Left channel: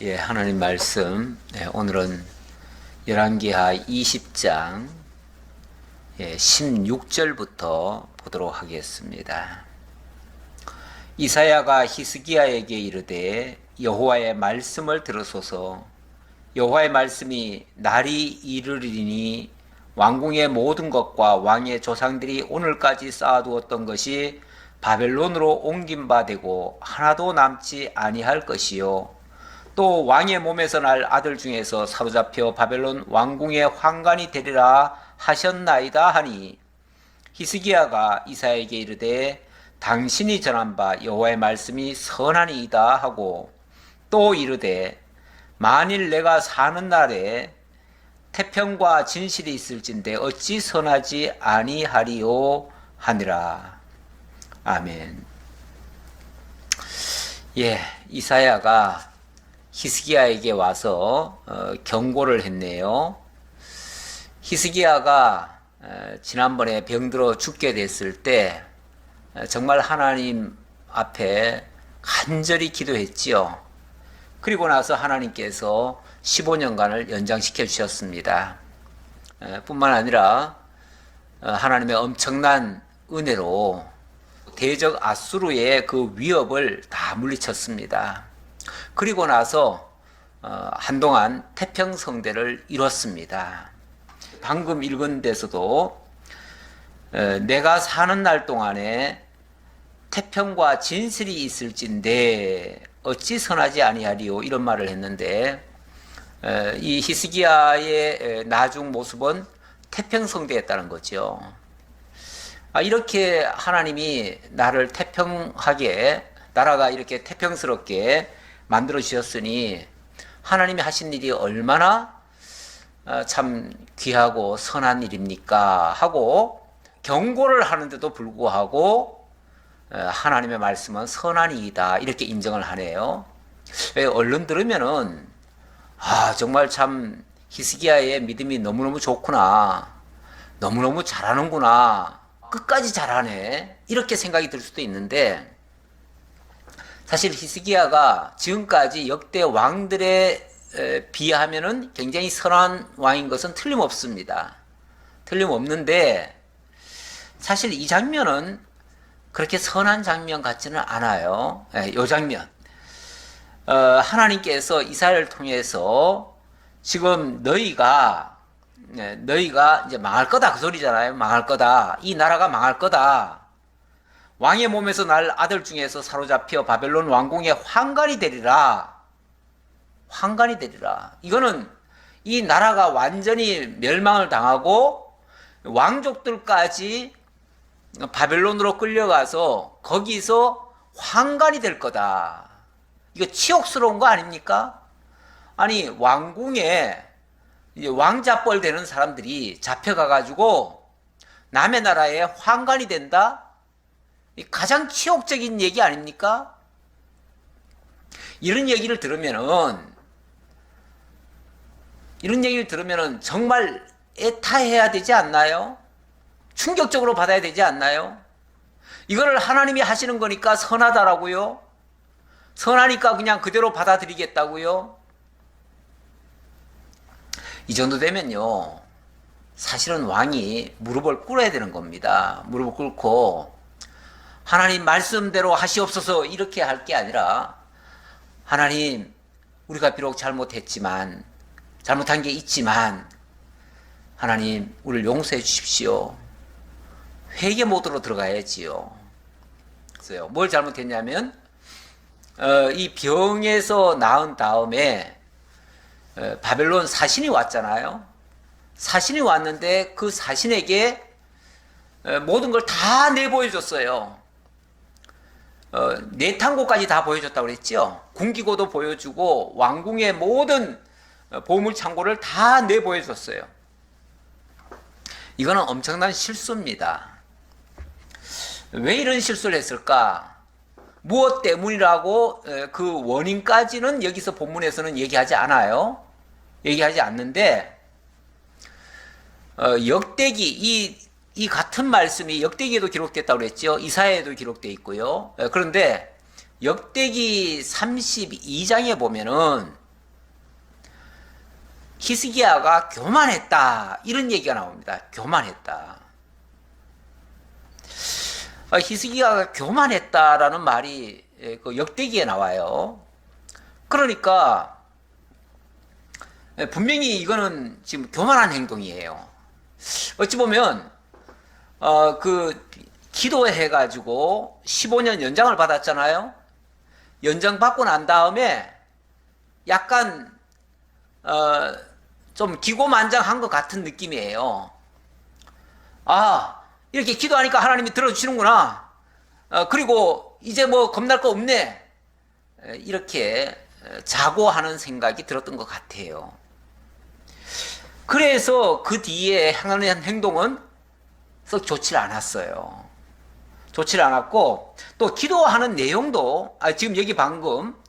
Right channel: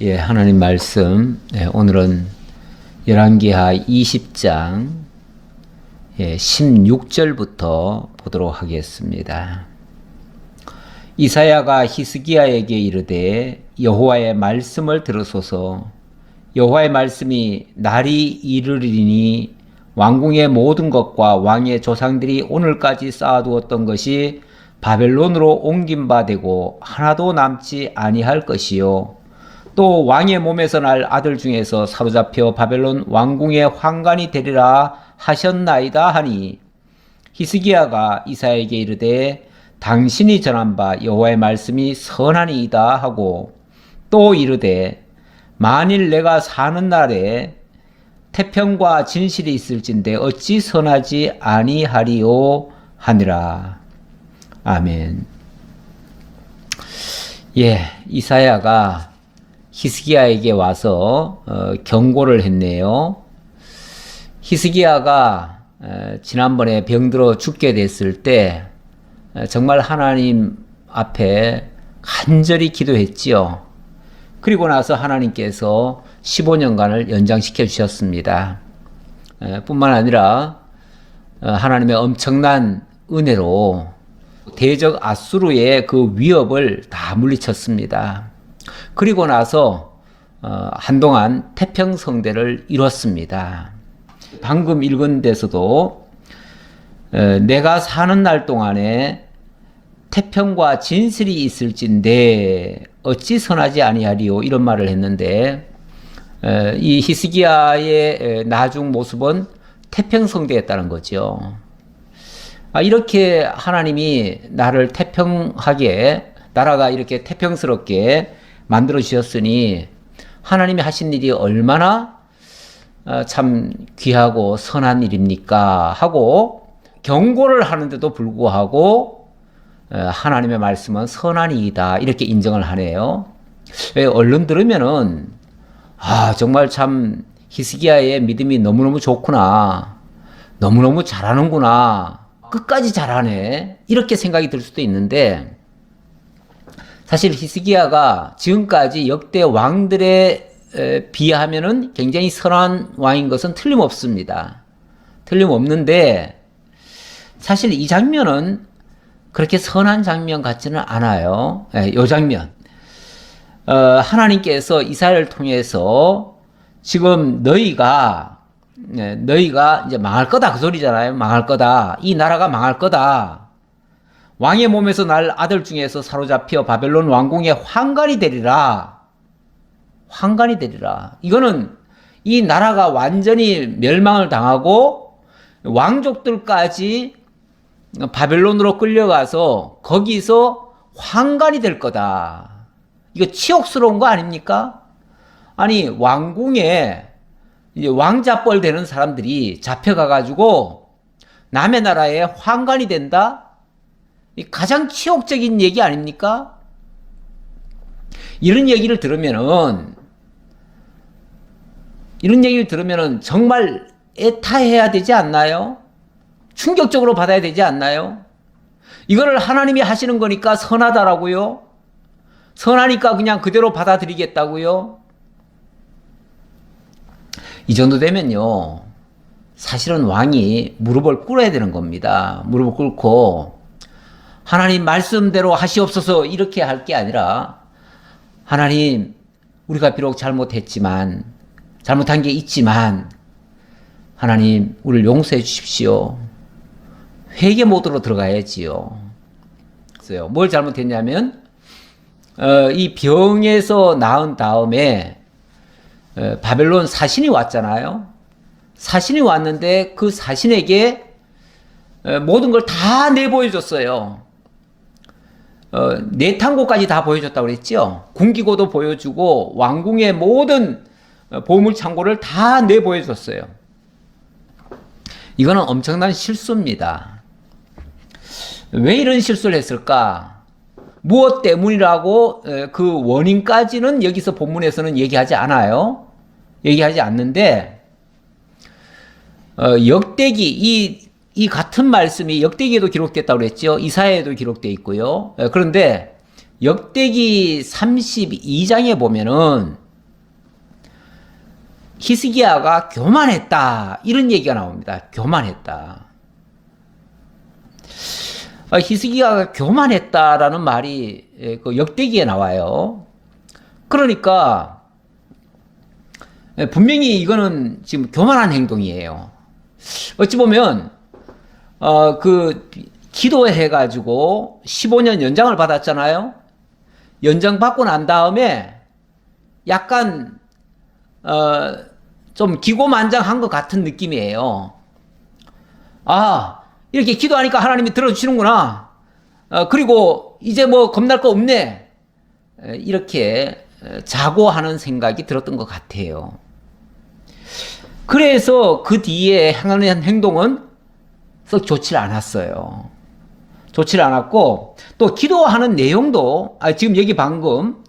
예, 하나님 말씀. 오늘은 열왕기하 20장 16절부터 보도록 하겠습니다. 이사야가 히스기야에게 이르되 여호와의 말씀을 들으소서. 여호와의 말씀이 날이 이르리니 왕궁의 모든 것과 왕의 조상들이 오늘까지 쌓아두었던 것이 바벨론으로 옮긴 바 되고 하나도 남지 아니할 것이요. 또 왕의 몸에서 날 아들 중에서 사로잡혀 바벨론 왕궁의 환관이 되리라 하셨나이다 하니, 히스기야가 이사야에게 이르되 당신이 전한 바 여호와의 말씀이 선하니이다 하고, 또 이르되 만일 내가 사는 날에 태평과 진실이 있을진데 어찌 선하지 아니하리요 하니라. 아멘. 이사야가 히스기야에게 와서 경고를 했네요. 히스기야가 지난번에 병들어 죽게 됐을 때 정말 하나님 앞에 간절히 기도했지요. 그리고 나서 하나님께서 15년간을 연장시켜 주셨습니다. 뿐만 아니라 하나님의 엄청난 은혜로 대적 아수르의 그 위협을 다 물리쳤습니다. 그리고 나서 한동안 태평성대를 이뤘습니다. 방금 읽은 데서도 내가 사는 날 동안에 태평과 진실이 있을진데 어찌 선하지 아니하리요, 이런 말을 했는데, 이 히스기야의 나중 모습은 태평성대였다는 거죠. 이렇게 하나님이 나를 태평하게, 나라가 이렇게 태평스럽게 만들어 주셨으니 하나님이 하신 일이 얼마나 참 귀하고 선한 일입니까 하고 경고를 하는데도 불구하고 하나님의 말씀은 선한 이이다, 이렇게 인정을 하네요. 얼른 들으면은 정말 참 히스기야의 믿음이 너무너무 좋구나, 너무너무 잘하는구나, 끝까지 잘하네, 이렇게 생각이 들 수도 있는데, 사실 히스기야가 지금까지 역대 왕들에 비하면은 굉장히 선한 왕인 것은 틀림없습니다. 틀림없는데 사실 이 장면은 그렇게 선한 장면 같지는 않아요. 이 장면, 하나님께서 이사야를 통해서 지금 너희가 이제 망할 거다, 그 소리잖아요. 망할 거다, 이 나라가 망할 거다, 왕의 몸에서 날 아들 중에서 사로잡혀 바벨론 왕궁의 환관이 되리라. 환관이 되리라. 이거는 이 나라가 완전히 멸망을 당하고 왕족들까지 바벨론으로 끌려가서 거기서 환관이 될 거다. 이거 치욕스러운 거 아닙니까? 아니, 왕궁에 이제 왕자뻘 되는 사람들이 잡혀가가지고 남의 나라에 환관이 된다? 가장 치욕적인 얘기 아닙니까? 이런 얘기를 들으면은 정말 애타해야 되지 않나요? 충격적으로 받아야 되지 않나요? 이거를 하나님이 하시는 거니까 선하다라고요? 선하니까 그냥 그대로 받아들이겠다고요? 이 정도 되면요, 사실은 왕이 무릎을 꿇어야 되는 겁니다. 무릎을 꿇고 하나님 말씀대로 하시옵소서, 이렇게 할 게 아니라, 하나님, 우리가 비록 잘못했지만, 잘못한 게 있지만 하나님, 우리를 용서해 주십시오. 회개 모드로 들어가야지요. 그래서 뭘 잘못했냐면, 이 병에서 나은 다음에 바벨론 사신이 왔잖아요. 사신이 왔는데 그 사신에게 모든 걸 다 내보여줬어요. 내탕고까지 다 보여줬다고 그랬죠. 군기고도 보여주고 왕궁의 모든 보물창고를 다 내보여줬어요. 이거는 엄청난 실수입니다. 왜 이런 실수를 했을까? 무엇 때문이라고 그 원인까지는 여기서 본문에서는 얘기하지 않아요. 얘기하지 않는데, 역대기, 이 같은 말씀이 역대기에도 기록됐다고 그랬죠. 이사야에도 기록되어 있고요. 그런데 역대기 32장에 보면은 히스기야가 교만했다, 이런 얘기가 나옵니다. 교만했다. 히스기야가 교만했다라는 말이 그 역대기에 나와요. 그러니까 분명히 이거는 지금 교만한 행동이에요. 어찌 보면 그 기도해가지고 15년 연장을 받았잖아요. 연장 받고 난 다음에 약간 좀 기고만장한 것 같은 느낌이에요. 아, 이렇게 기도하니까 하나님이 들어주시는구나. 그리고 이제 뭐 겁날 거 없네. 이렇게 자고하는 생각이 들었던 것 같아요. 그래서 그 뒤에 행하는 행동은 썩 좋지 않았어요. 좋지 않았고, 또 기도하는 내용도 지금 여기 방금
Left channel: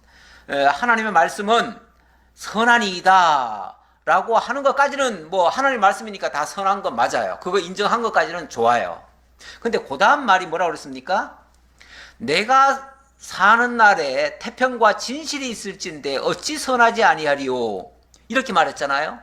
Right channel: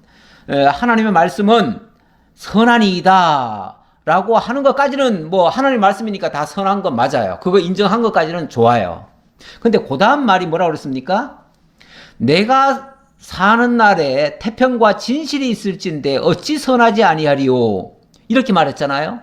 하나님의 말씀은 선한이다 라고 하는 것까지는 뭐 하나님 말씀이니까 다 선한 건 맞아요. 그거 인정한 것까지는 좋아요. 근데 그 다음 말이 뭐라고 그랬습니까? 내가 사는 날에 태평과 진실이 있을진데 어찌 선하지 아니하리요, 이렇게 말했잖아요.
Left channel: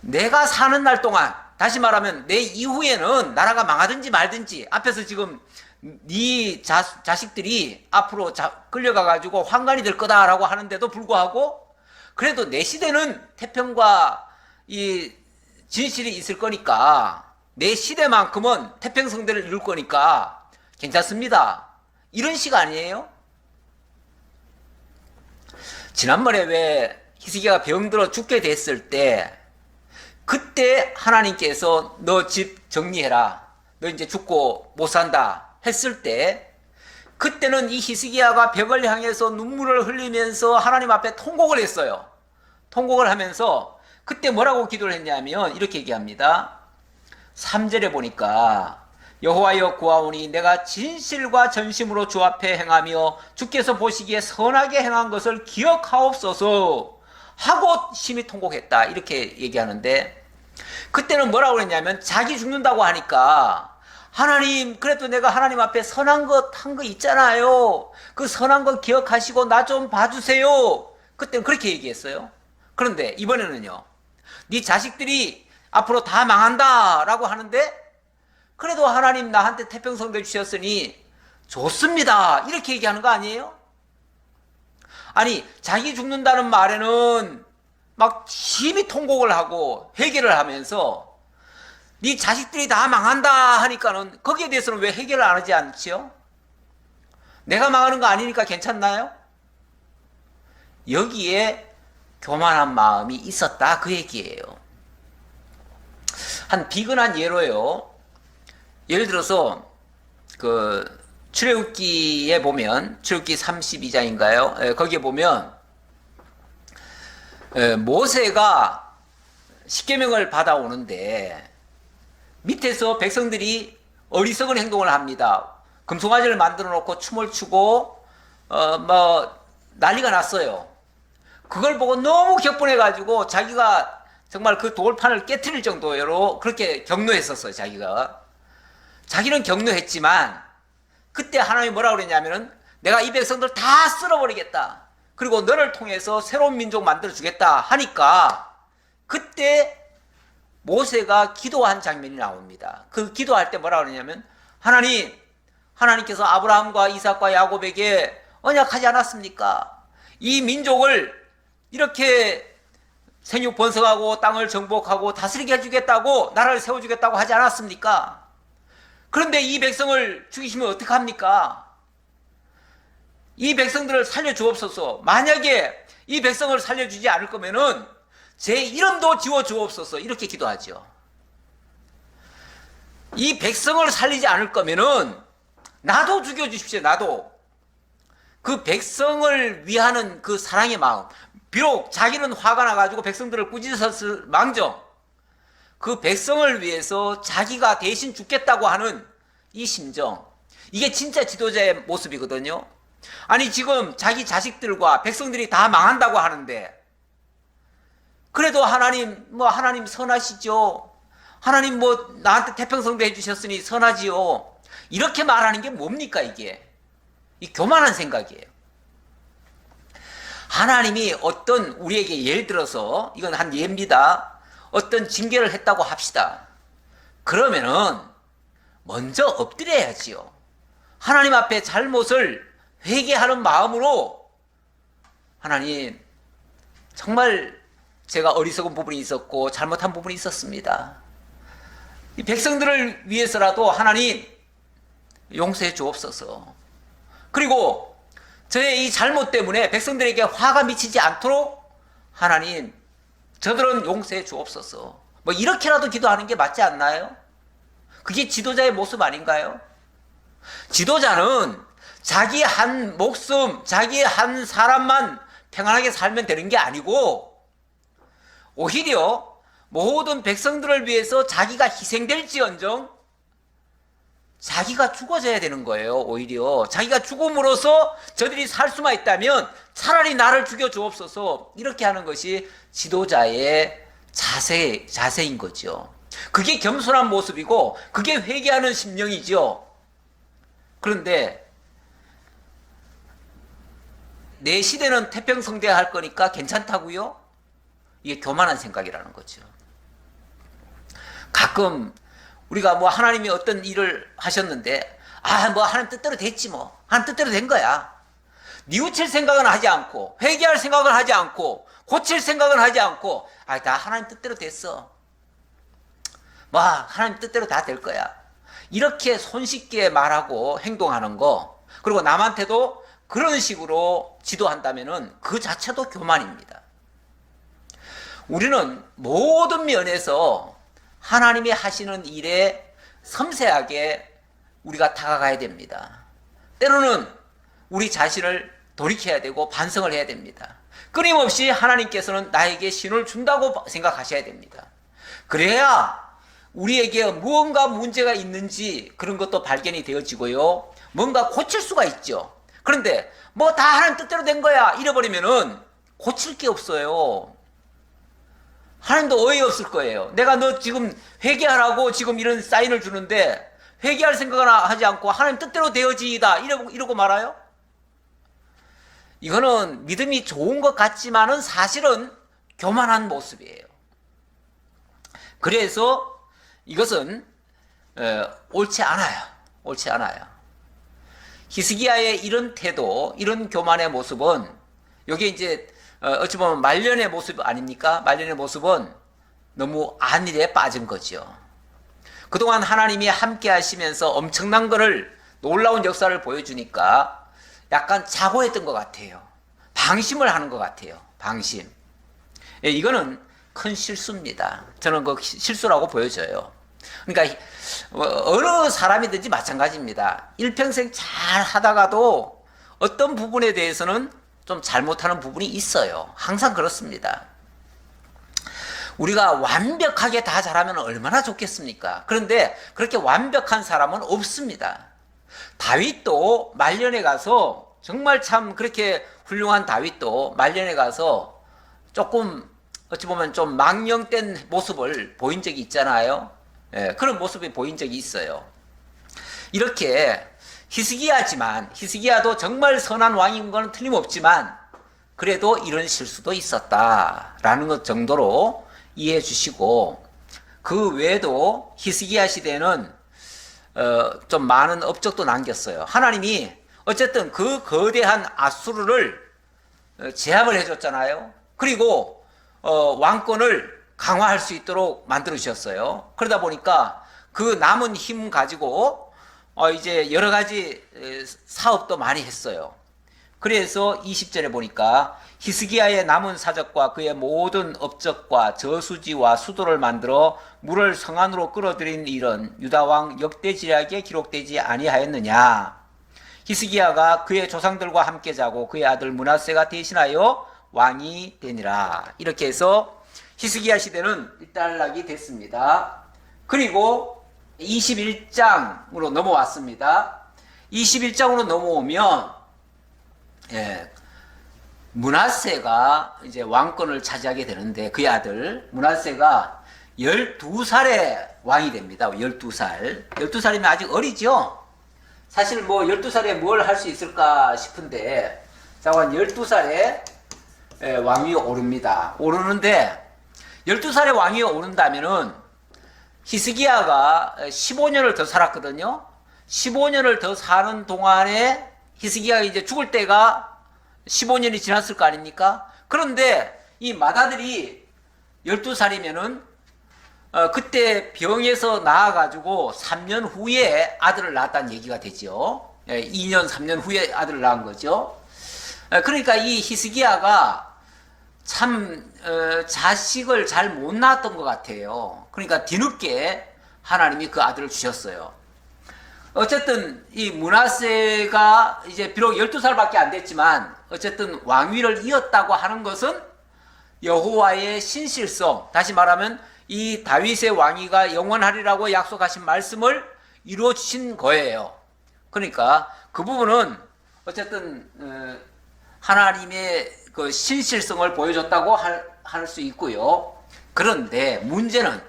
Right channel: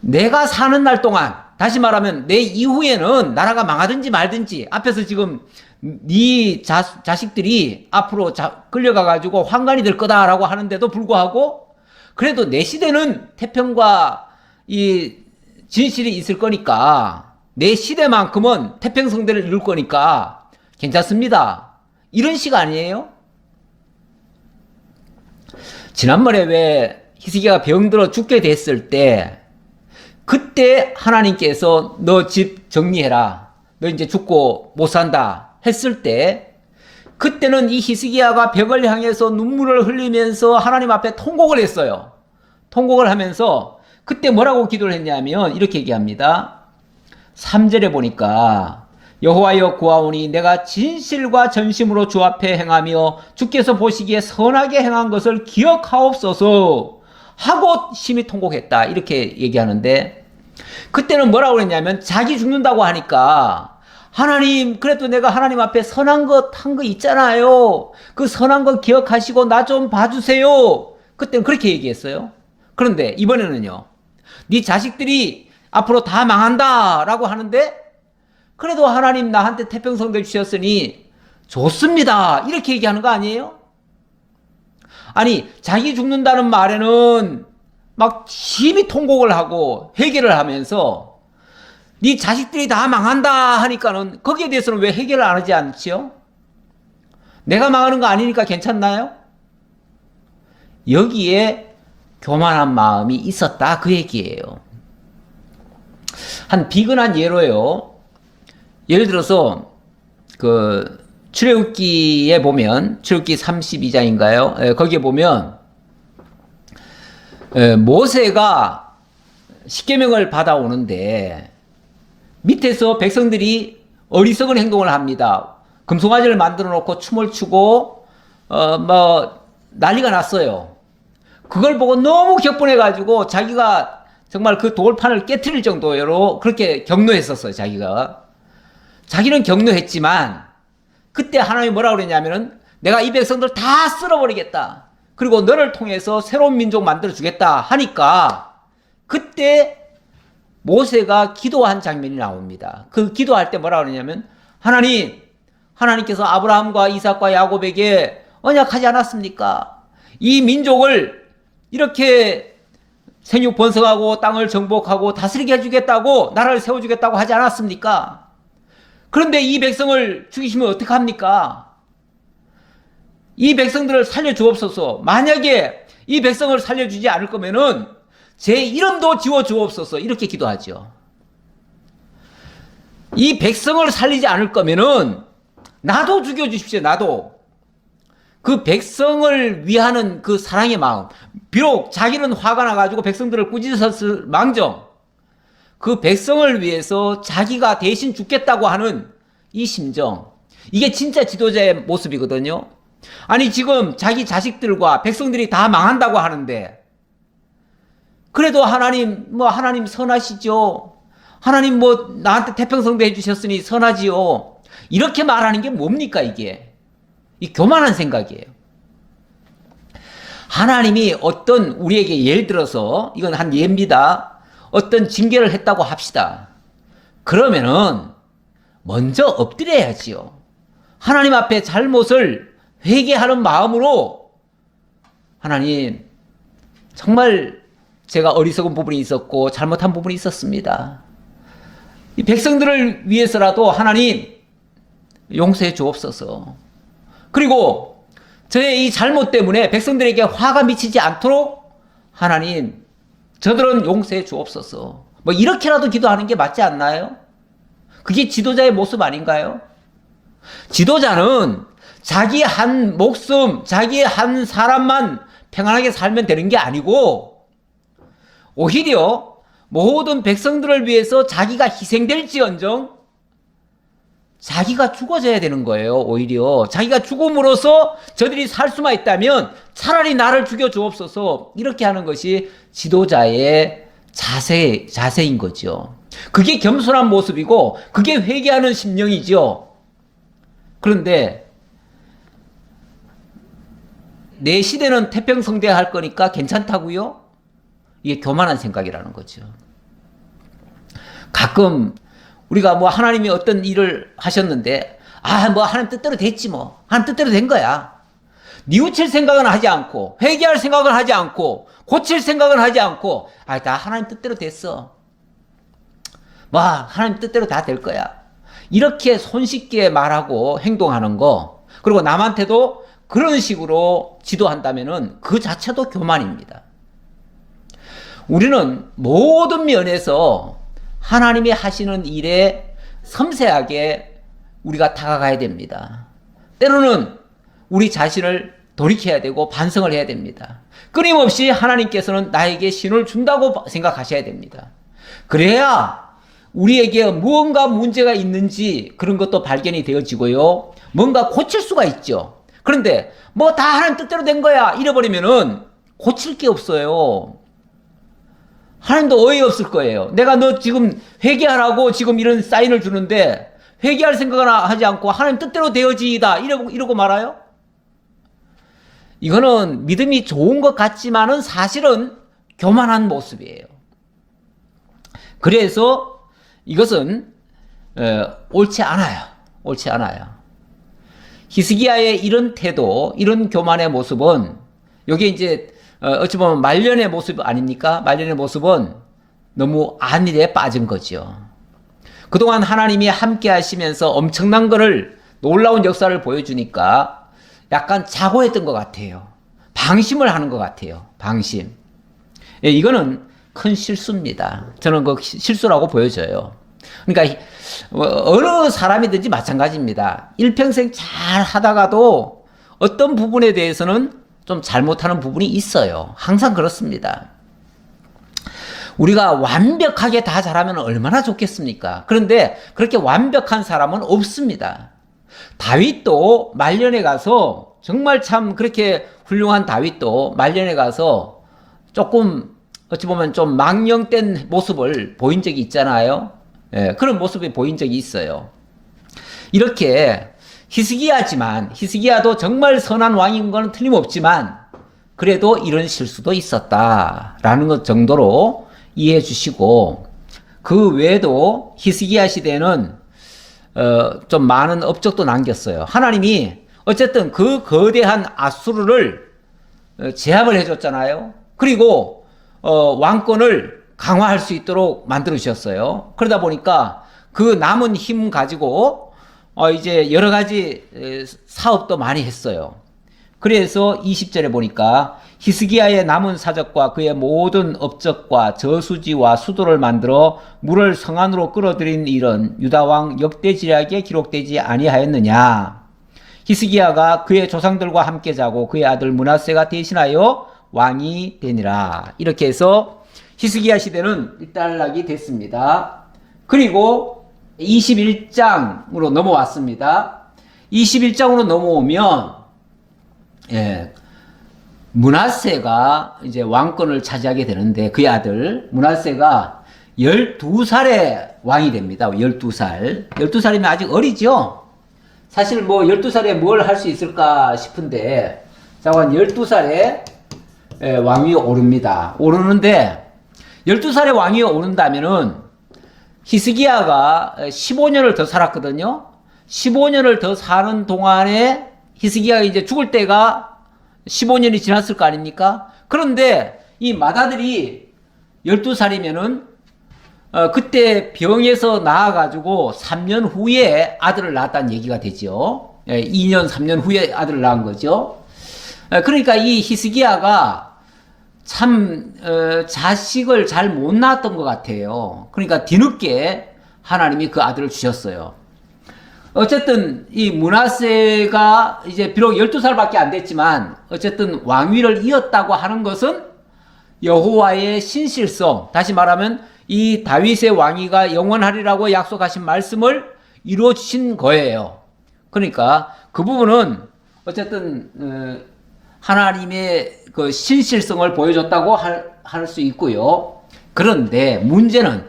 내가 사는 날 동안, 다시 말하면 내 이후에는 나라가 망하든지 말든지, 앞에서 지금 네 자식들이 앞으로 끌려가가지고 환관이 될 거다라고 하는데도 불구하고 그래도 내 시대는 태평과 이 진실이 있을 거니까, 내 시대만큼은 태평성대를 이룰 거니까 괜찮습니다, 이런 식 아니에요? 지난번에 왜 히스기야가 병들어 죽게 됐을 때, 그때 하나님께서 너 집 정리해라, 너 이제 죽고 못 산다 했을 때, 그때는 이 히스기야가 벽을 향해서 눈물을 흘리면서 하나님 앞에 통곡을 했어요. 통곡을 하면서 그때 뭐라고 기도를 했냐면 이렇게 얘기합니다. 3절에 보니까 여호와여 구하오니 내가 진실과 전심으로 주 앞에 행하며 주께서 보시기에 선하게 행한 것을 기억하옵소서 하고 심히 통곡했다, 이렇게 얘기하는데, 그때는 뭐라고 그랬냐면 자기 죽는다고 하니까 하나님, 그래도 내가 하나님 앞에 선한 것 한 거 있잖아요. 그 선한 거 기억하시고 나 좀 봐주세요. 그때는 그렇게 얘기했어요. 그런데 이번에는요, 네 자식들이 앞으로 다 망한다 라고 하는데, 그래도 하나님 나한테 태평성대 주셨으니 좋습니다, 이렇게 얘기하는 거 아니에요? 아니, 자기 죽는다는 말에는 막 심히 통곡을 하고 회개를 하면서 네 자식들이 다 망한다 하니까는 거기에 대해서는 왜 해결을 안 하지 않지요? 내가 망하는 거 아니니까 괜찮나요? 여기에 교만한 마음이 있었다, 그 얘기예요. 한 비근한 예로요. 예를 들어서 그 출애굽기에 보면, 출애굽기 32장인가요? 거기에 보면 모세가 십계명을 받아오는데 밑에서 백성들이 어리석은 행동을 합니다. 금송아지를 만들어 놓고 춤을 추고 뭐 난리가 났어요. 그걸 보고 너무 격분해 가지고 자기가 정말 그 돌판을 깨트릴 정도로 그렇게 격노했었어요. 자기는 격노했지만 그때 하나님이 뭐라고 그랬냐면은 내가 이 백성들 다 쓸어버리겠다, 그리고 너를 통해서 새로운 민족 만들어 주겠다 하니까 그때 모세가 기도한 장면이 나옵니다. 그 기도할 때 뭐라고 그러냐면, 하나님께서 아브라함과 이삭과 야곱에게 언약하지 않았습니까? 이 민족을 이렇게 생육 번성하고 땅을 정복하고 다스리게 해주겠다고, 나라를 세워주겠다고 하지 않았습니까? 그런데 이 백성을 죽이시면 어떡합니까? 이 백성들을 살려주옵소서. 만약에 이 백성을 살려주지 않을 거면은 제 이름도 지워주옵소서, 이렇게 기도하죠. 이 백성을 살리지 않을 거면은 나도 죽여주십시오. 나도. 그 백성을 위하는 그 사랑의 마음, 비록 자기는 화가 나가지고 백성들을 꾸짖었을 망정, 그 백성을 위해서 자기가 대신 죽겠다고 하는 이 심정, 이게 진짜 지도자의 모습이거든요. 아니, 지금 자기 자식들과 백성들이 다 망한다고 하는데, 그래도 하나님 선하시죠. 하나님 나한테 태평성대 해주셨으니 선하지요. 이렇게 말하는 게 뭡니까, 이게? 이 교만한 생각이에요. 하나님이 어떤 우리에게 예를 들어서 이건 한 예입니다. 어떤 징계를 했다고 합시다. 그러면은 먼저 엎드려야지요. 하나님 앞에 잘못을 회개하는 마음으로 하나님 정말 제가 어리석은 부분이 있었고 잘못한 부분이 있었습니다. 이 백성들을 위해서라도 하나님 용서해 주옵소서. 그리고 저의 이 잘못 때문에 백성들에게 화가 미치지 않도록 하나님 저들은 용서해 주옵소서. 뭐 이렇게라도 기도하는 게 맞지 않나요? 그게 지도자의 모습 아닌가요? 지도자는 자기 한 목숨, 자기 한 사람만 평안하게 살면 되는 게 아니고 오히려 모든 백성들을 위해서 자기가 희생될지언정 자기가 죽어져야 되는 거예요. 오히려 자기가 죽음으로써 저들이 살 수만 있다면 차라리 나를 죽여 주옵소서. 이렇게 하는 것이 지도자의 자세인 거죠. 그게 겸손한 모습이고 그게 회개하는 심령이죠. 그런데 내 시대는 태평성대할 거니까 괜찮다고요? 이게 교만한 생각이라는 거죠. 가끔 우리가 뭐 하나님이 어떤 일을 하셨는데 뭐 하나님 뜻대로 됐지 뭐. 하나님 뜻대로 된 거야. 뉘우칠 생각은 하지 않고 회개할 생각은 하지 않고 고칠 생각은 하지 않고 다 하나님 뜻대로 됐어. 뭐 하나님 뜻대로 다 될 거야. 이렇게 손쉽게 말하고 행동하는 거, 그리고 남한테도 그런 식으로 지도한다면은 그 자체도 교만입니다. 우리는 모든 면에서 하나님이 하시는 일에 섬세하게 우리가 다가가야 됩니다. 때로는 우리 자신을 돌이켜야 되고 반성을 해야 됩니다. 끊임없이 하나님께서는 나에게 신호를 준다고 생각하셔야 됩니다. 그래야 우리에게 무언가 문제가 있는지 그런 것도 발견이 되어지고요. 뭔가 고칠 수가 있죠. 그런데 뭐 다 하나님 뜻대로 된 거야 이래버리면은 고칠 게 없어요. 하나님도 어이없을 거예요. 내가 너 지금 회개하라고 지금 이런 사인을 주는데 회개할 생각은 하지 않고 하나님 뜻대로 되어지이다 이러고 말아요? 이거는 믿음이 좋은 것 같지만은 사실은 교만한 모습이에요. 그래서 이것은 옳지 않아요. 옳지 않아요. 히스기야의 이런 태도, 이런 교만의 모습은 여기에 이제 어찌 보면 말년의 모습 아닙니까? 말년의 모습은 너무 안일에 빠진 거죠. 그동안 하나님이 함께 하시면서 엄청난 거를 놀라운 역사를 보여주니까 약간 자고했던 것 같아요. 방심을 하는 것 같아요. 방심. 이거는 큰 실수입니다. 저는 그 실수라고 보여져요. 그러니까 어느 사람이든지 마찬가지입니다. 일평생 잘 하다가도 어떤 부분에 대해서는 좀 잘못하는 부분이 있어요. 항상 그렇습니다. 우리가 완벽하게 다 잘하면 얼마나 좋겠습니까? 그런데 그렇게 완벽한 사람은 없습니다. 다윗도 말년에 가서 정말 참 그렇게 훌륭한 다윗도 말년에 가서 조금 어찌 보면 좀 망령된 모습을 보인 적이 있잖아요. 그런 모습이 보인 적이 있어요. 이렇게 히스기야도 정말 선한 왕인 건 틀림없지만 그래도 이런 실수도 있었다라는 것 정도로 이해해 주시고, 그 외에도 히스기야 시대에는 좀 많은 업적도 남겼어요. 하나님이 어쨌든 그 거대한 아수르를 제압을 해줬잖아요. 그리고 왕권을 강화할 수 있도록 만들어 주셨어요. 그러다 보니까 그 남은 힘 가지고 이제 여러 가지 사업도 많이 했어요. 그래서 20절에 보니까 히스기야의 남은 사적과 그의 모든 업적과 저수지와 수도를 만들어 물을 성 안으로 끌어들인 일은 유다왕 역대지략에 기록되지 아니하였느냐. 히스기야가 그의 조상들과 함께 자고 그의 아들 므낫세가 대신하여 왕이 되니라. 이렇게 해서 히스기야 시대는 일단락이 됐습니다. 그리고 21장으로 넘어왔습니다. 21장으로 넘어오면 므낫세가 이제 왕권을 차지하게 되는데 그의 아들 므낫세가 12살에 왕이 됩니다. 12살. 12살이면 아직 어리죠? 사실 뭐 12살에 뭘 할 수 있을까 싶은데, 자, 12살에 왕위에 오릅니다. 오르는데 12살에 왕위에 오른다면은 히스기야가 15년을 더 살았거든요. 15년을 더 사는 동안에 히스기야가 이제 죽을 때가 15년이 지났을 거 아닙니까? 그런데 이 맏아들이 12살이면은 그때 병에서 나아가지고 3년 후에 아들을 낳았다는 얘기가 되죠. 2년, 3년 후에 아들을 낳은 거죠. 그러니까 이 히스기야가 참 자식을 잘 못 낳았던 것 같아요. 그러니까 뒤늦게 하나님이 그 아들을 주셨어요. 어쨌든 이 므낫세가 이제 비록 12살밖에 안 됐지만 어쨌든 왕위를 이었다고 하는 것은 여호와의 신실성, 다시 말하면 이 다윗의 왕위가 영원하리라고 약속하신 말씀을 이루어 주신 거예요. 그러니까 그 부분은 어쨌든 하나님의 그 신실성을 보여줬다고 할 수 있고요. 그런데 문제는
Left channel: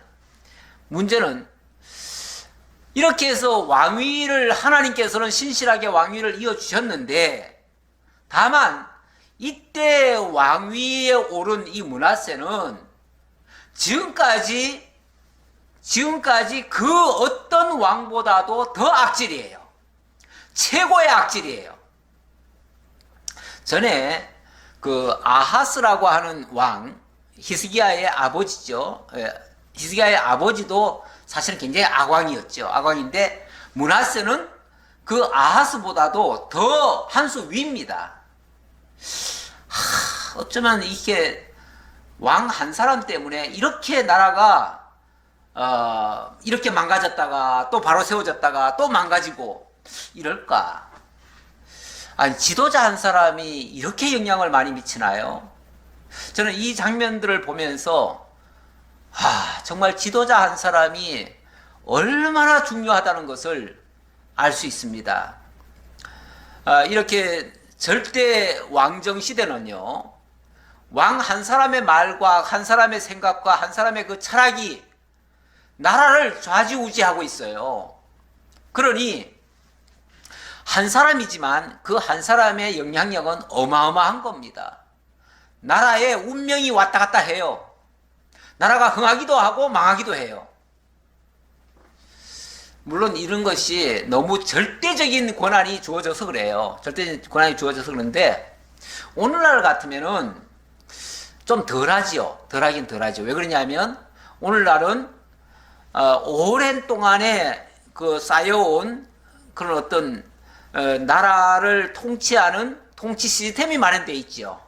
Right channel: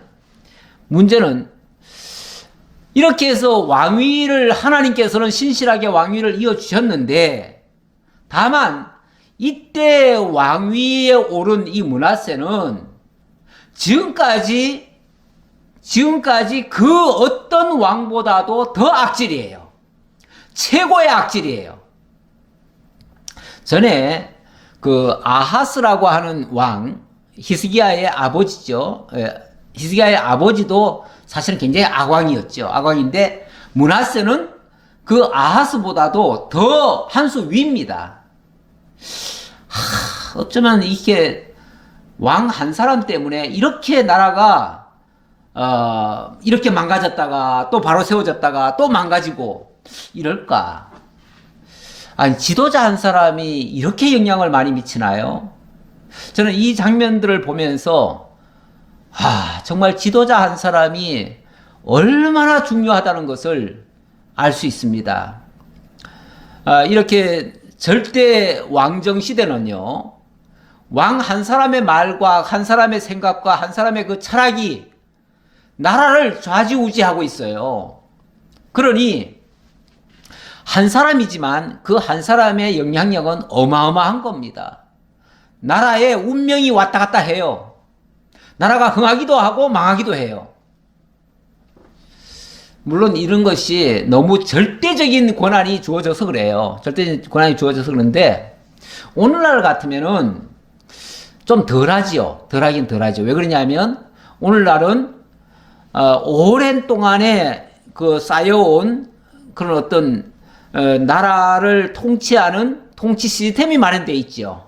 이렇게 해서 왕위를 하나님께서는 신실하게 왕위를 이어 주셨는데, 다만 이때 왕위에 오른 이 므낫세는 지금까지 그 어떤 왕보다도 더 악질이에요. 최고의 악질이에요. 전에 그 아하스라고 하는 왕, 히스기야의 아버지죠. 히스기야의 아버지도 사실은 굉장히 악왕이었죠. 악왕인데 므낫세는 그 아하스보다도 더 한 수 위입니다. 어쩌면 이게 왕 한 사람 때문에 이렇게 나라가 이렇게 망가졌다가 또 바로 세워졌다가 또 망가지고 이럴까? 아니, 지도자 한 사람이 이렇게 영향을 많이 미치나요? 저는 이 장면들을 보면서 정말 지도자 한 사람이 얼마나 중요하다는 것을 알 수 있습니다. 이렇게 절대 왕정 시대는요, 왕 한 사람의 말과 한 사람의 생각과 한 사람의 그 철학이 나라를 좌지우지하고 있어요. 그러니 한 사람이지만 그 한 사람의 영향력은 어마어마한 겁니다. 나라의 운명이 왔다 갔다 해요. 나라가 흥하기도 하고 망하기도 해요. 물론 이런 것이 너무 절대적인 권한이 주어져서 그래요. 절대적인 권한이 주어져서 그런데 오늘날 같으면은 좀 덜하지요. 덜하긴 덜하죠. 왜 그러냐면 오늘날은 오랜 동안에 그 쌓여온 그런 어떤 나라를 통치하는 통치 시스템이 마련되어 있죠.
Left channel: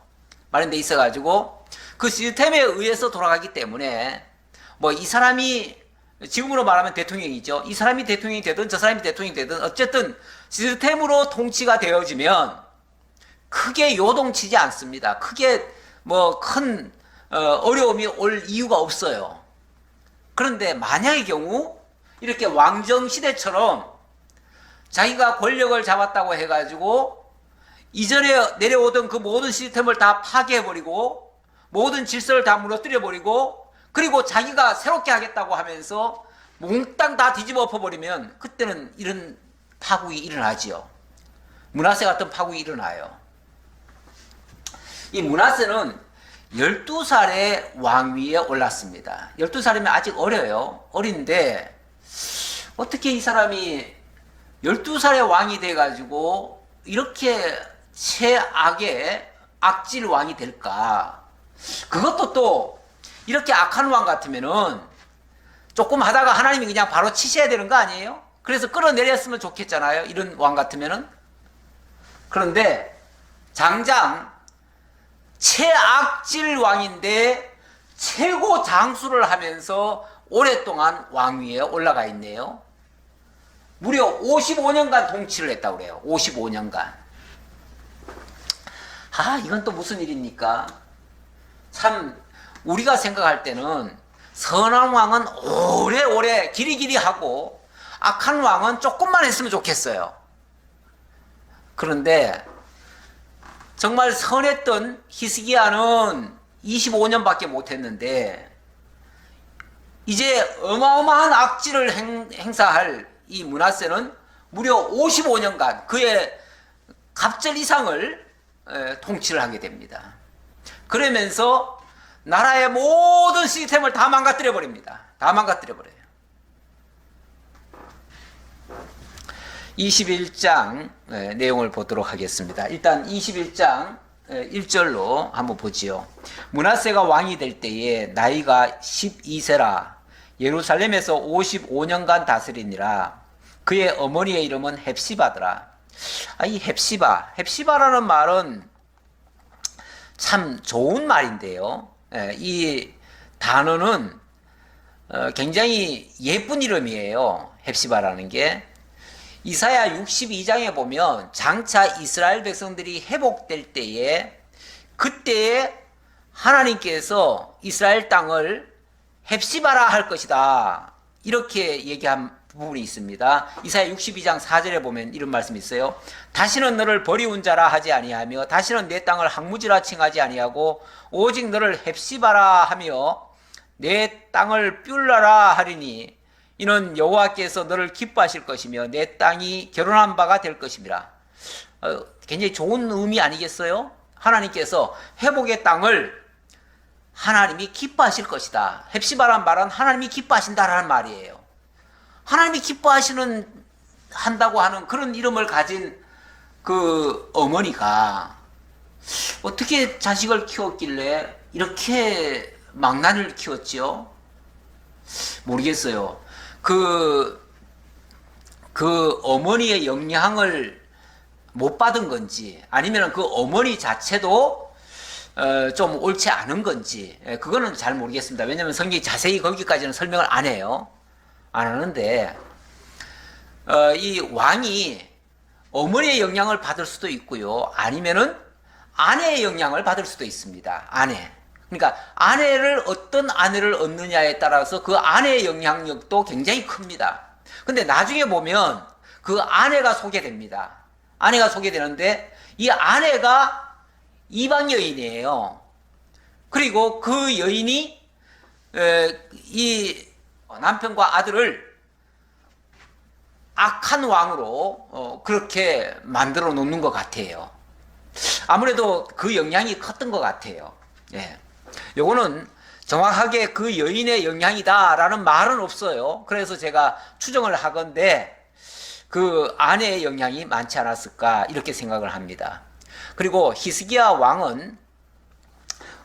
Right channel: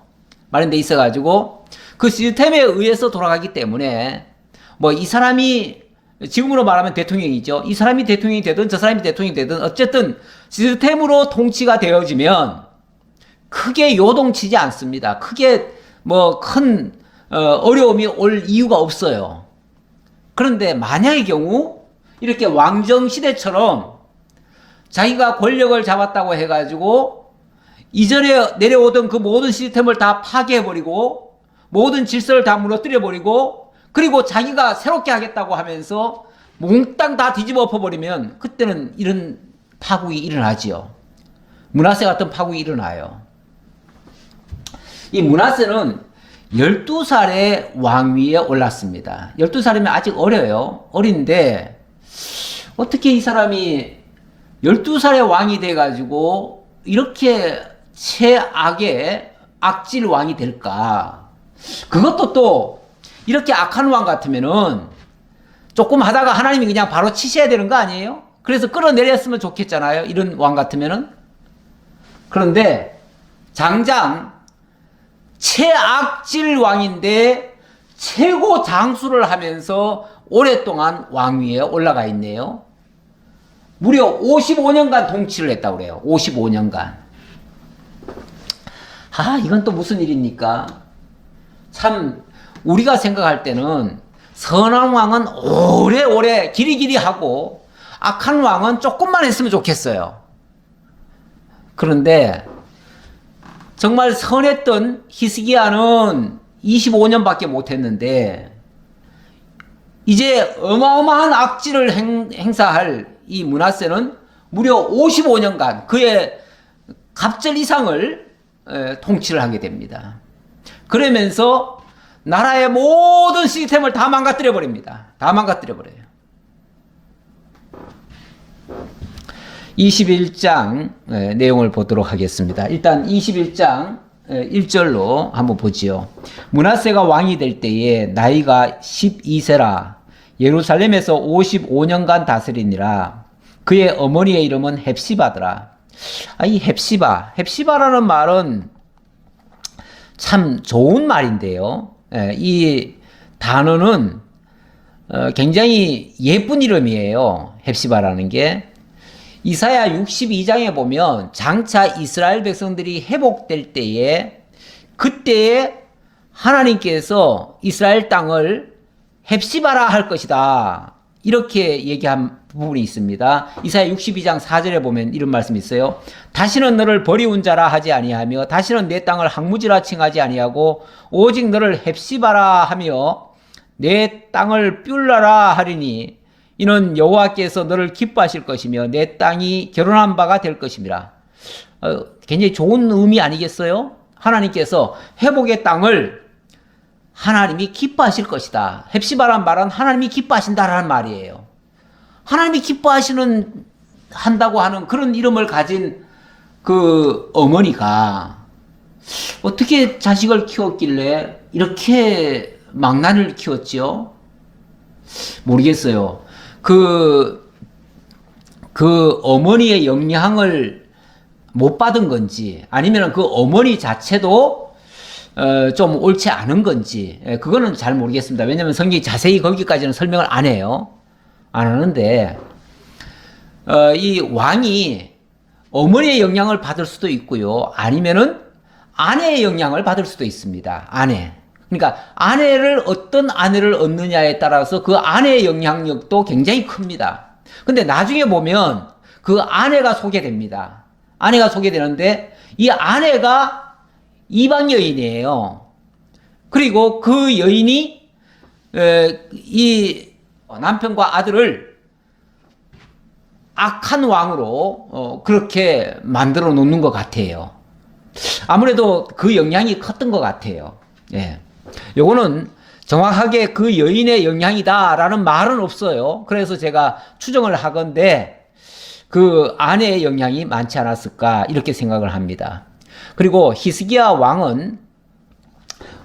마련되어 있어가지고 그 시스템에 의해서 돌아가기 때문에 뭐 이 사람이 지금으로 말하면 대통령이죠. 이 사람이 대통령이 되든 저 사람이 대통령이 되든 어쨌든 시스템으로 통치가 되어지면 크게 요동치지 않습니다. 크게 뭐 큰 어려움이 올 이유가 없어요. 그런데 만약의 경우 이렇게 왕정 시대처럼 자기가 권력을 잡았다고 해가지고 이전에 내려오던 그 모든 시스템을 다 파괴해버리고 모든 질서를 다 무너뜨려버리고 그리고 자기가 새롭게 하겠다고 하면서 몽땅 다 뒤집어 엎어버리면 그때는 이런 파국이 일어나지요. 므낫세 같은 파국이 일어나요. 이 므낫세는 12살에 왕위에 올랐습니다. 12살이면 아직 어려요. 어린데 어떻게 이 사람이 12살에 왕이 돼가지고 이렇게 최악의 악질 왕이 될까? 그것도 또 이렇게 악한 왕 같으면은 조금 하다가 하나님이 그냥 바로 치셔야 되는 거 아니에요? 그래서 끌어내렸으면 좋겠잖아요. 이런 왕 같으면은. 그런데 장장 최악질 왕인데 최고 장수를 하면서 오랫동안 왕위에 올라가 있네요. 무려 55년간 통치를 했다고 그래요. 55년간. 이건 또 무슨 일입니까? 참 우리가 생각할 때는 선한 왕은 오래오래 길이길이 하고 악한 왕은 조금만 했으면 좋겠어요. 그런데 정말 선했던 히스기야는 25년밖에 못했는데 이제 어마어마한 악질을 행사할 이 므낫세는 무려 55년간 그의 갑절 이상을 통치를 하게 됩니다. 그러면서 나라의 모든 시스템을 다 망가뜨려 버립니다. 다 망가뜨려 버려요. 21장 내용을 보도록 하겠습니다. 일단 21장 1절로 한번 보지요. 므낫세가 왕이 될 때에 나이가 12세라 예루살렘에서 55년간 다스리니라. 그의 어머니의 이름은 헵시바더라. 이 헵시바라는 말은 참 좋은 말인데요. 이 단어는 굉장히 예쁜 이름이에요. 헵시바라는 게. 이사야 62장에 보면 장차 이스라엘 백성들이 회복될 때에 그때에 하나님께서 이스라엘 땅을 헵시바라 할 것이다. 이렇게 얘기한 부분이 있습니다. 이사야 62장 4절에 보면 이런 말씀이 있어요. 다시는 너를 버리운 자라 하지 아니하며 다시는 내 땅을 항무지라 칭하지 아니하고 오직 너를 헵시바라 하며 내 땅을 뷸라라 하리니 이는 여호와께서 너를 기뻐하실 것이며 내 땅이 결혼한 바가 될 것임이라. 굉장히 좋은 의미 아니겠어요? 하나님께서 회복의 땅을 하나님이 기뻐하실 것이다. 헵시바란 말은 하나님이 기뻐하신다라는 말이에요. 하나님이 기뻐하시는 한다고 하는 그런 이름을 가진 그 어머니가 어떻게 자식을 키웠길래 이렇게 망나니를 키웠지요? 모르겠어요. 그 어머니의 영향을 못 받은 건지 아니면 그 어머니 자체도 좀 옳지 않은 건지 그거는 잘 모르겠습니다. 왜냐하면 성경이 자세히 거기까지는 설명을 안 해요. 안 하는데 이 왕이 어머니의 영향을 받을 수도 있고요. 아니면은 아내의 영향을 받을 수도 있습니다. 아내. 그러니까 어떤 아내를 얻느냐에 따라서 그 아내의 영향력도 굉장히 큽니다. 근데 나중에 보면 그 아내가 소개됩니다. 아내가 소개되는데 이 아내가 이방 여인이에요. 그리고 그 여인이 이 남편과 아들을 악한 왕으로 그렇게 만들어 놓는 것 같아요. 아무래도 그 영향이 컸던 것 같아요. 예. 요거는 정확하게 그 여인의 영향이다라는 말은 없어요. 그래서 제가 추정을 하건대 그 아내의 영향이 많지 않았을까 이렇게 생각을 합니다. 그리고 히스기야 왕은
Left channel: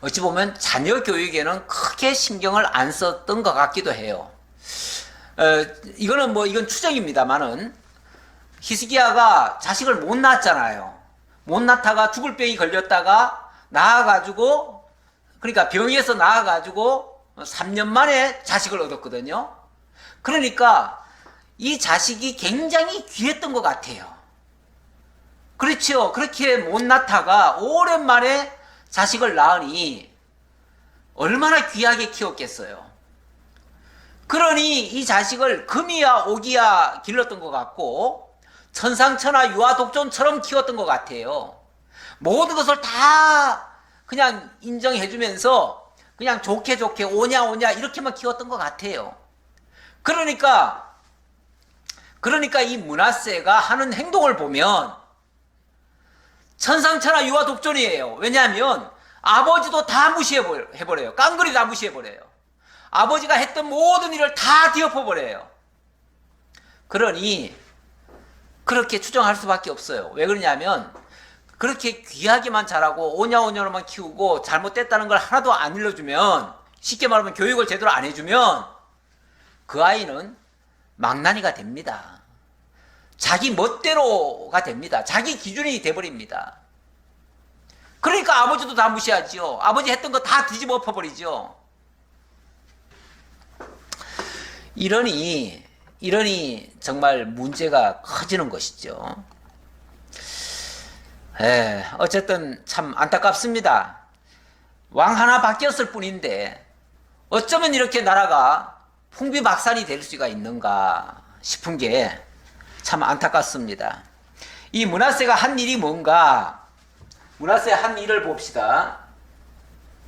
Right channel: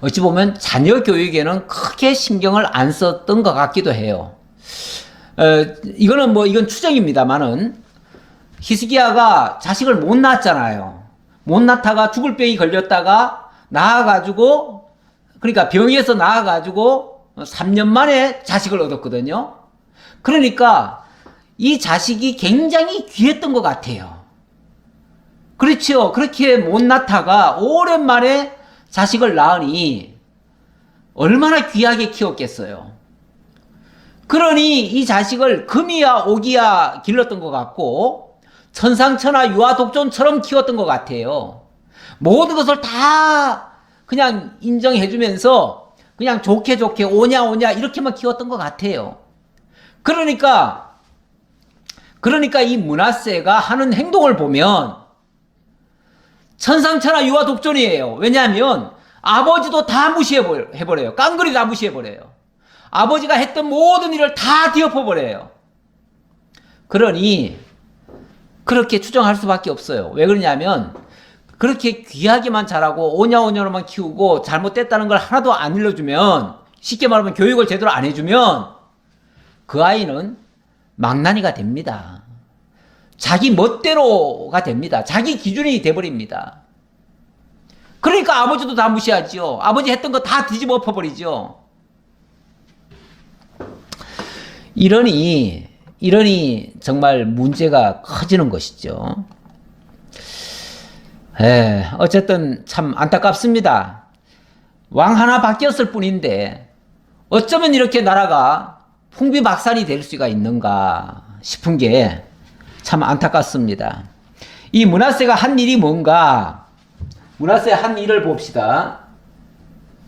어찌 보면 자녀 교육에는 크게 신경을 안 썼던 것 같기도 해요. 이건 추정입니다만은 히스기야가 자식을 못 낳았잖아요. 못 낳다가 죽을 병이 걸렸다가 나아가지고 그러니까 병에서 나아가지고 3년 만에 자식을 얻었거든요. 그러니까 이 자식이 굉장히 귀했던 것 같아요. 그렇죠. 그렇게 못 낳다가 오랜만에 자식을 낳으니 얼마나 귀하게 키웠겠어요. 그러니 이 자식을 금이야 옥이야 길렀던 것 같고 천상천하 유아독존처럼 키웠던 것 같아요. 모든 것을 다 그냥 인정해주면서 그냥 좋게 오냐 이렇게만 키웠던 것 같아요. 그러니까 이 므낫세가 하는 행동을 보면 천상천하 유아독존이에요. 왜냐하면 아버지도 다 무시해버려요. 깡그리 다 무시해버려요. 아버지가 했던 모든 일을 다 뒤엎어버려요. 그러니 그렇게 추정할 수밖에 없어요. 왜 그러냐면 그렇게 귀하게만 자라고 오냐오냐로만 키우고 잘못됐다는 걸 하나도 안 일러주면 쉽게 말하면 교육을 제대로 안 해주면 그 아이는 망나니가 됩니다. 자기 멋대로가 됩니다. 자기 기준이 돼버립니다. 그러니까 아버지도 다 무시하지요. 아버지 했던 거 다 뒤집어 엎어버리죠. 이러니 정말 문제가 커지는 것이죠. 어쨌든 참 안타깝습니다. 왕 하나 바뀌었을 뿐인데 어쩌면 이렇게 나라가 풍비박산이 될 수가 있는가 싶은 게 참 안타깝습니다. 이 므낫세가 한 일이 뭔가? 므낫세 한 일을 봅시다.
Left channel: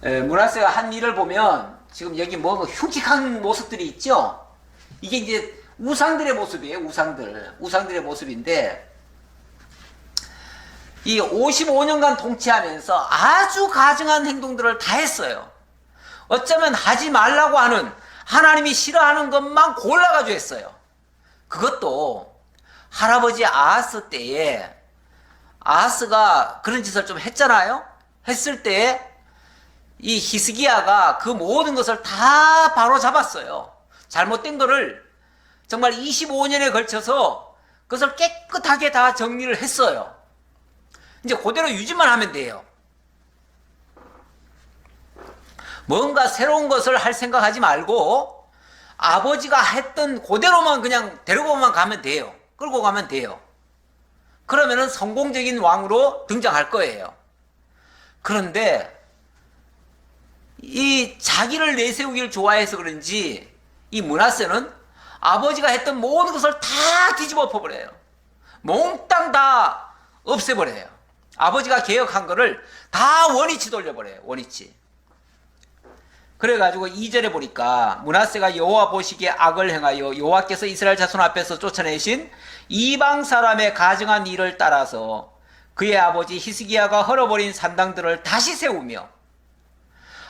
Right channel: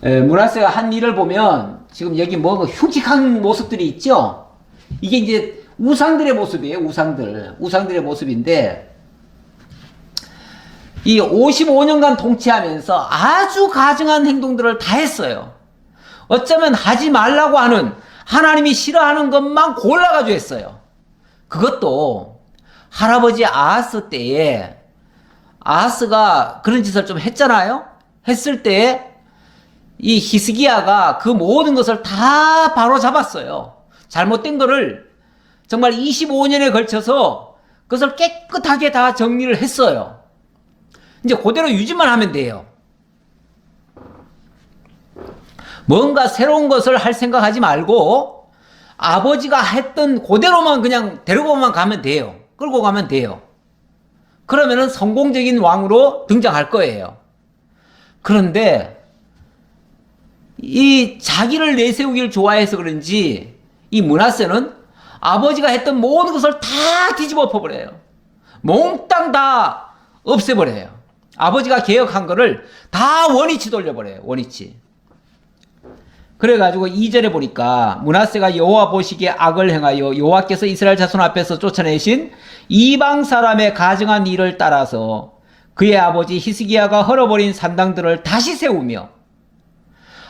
므낫세가 한 일을 보면 지금 여기 흉측한 모습들이 있죠? 이게 이제 우상들의 모습이에요. 우상들의 모습인데 이 55년간 통치하면서 아주 가증한 행동들을 다 했어요. 어쩌면 하지 말라고 하는, 하나님이 싫어하는 것만 골라가지고 했어요. 그것도 할아버지 아하스 때에, 아하스가 그런 짓을 좀 했잖아요. 했을 때에 이 히스기야가 그 모든 것을 다 바로 잡았어요. 잘못된 거를 정말 25년에 걸쳐서 그것을 깨끗하게 다 정리를 했어요. 이제 그대로 유지만 하면 돼요. 뭔가 새로운 것을 할 생각하지 말고 아버지가 했던 그대로만 그냥 데리고만 가면 돼요. 끌고 가면 돼요. 그러면은 성공적인 왕으로 등장할 거예요. 그런데 이 자기를 내세우기를 좋아해서 그런지 이 므낫세는 아버지가 했던 모든 것을 다 뒤집어 엎어버려요. 몽땅 다 없애버려요. 아버지가 개혁한 거를 다 원위치 돌려버려요. 원위치. 그래가지고 2절에 보니까 므낫세가 여호와 보시기에 악을 행하여 여호와께서 이스라엘 자손 앞에서 쫓아내신 이방 사람의 가증한 일을 따라서 그의 아버지 히스기야가 헐어버린 산당들을 다시 세우며,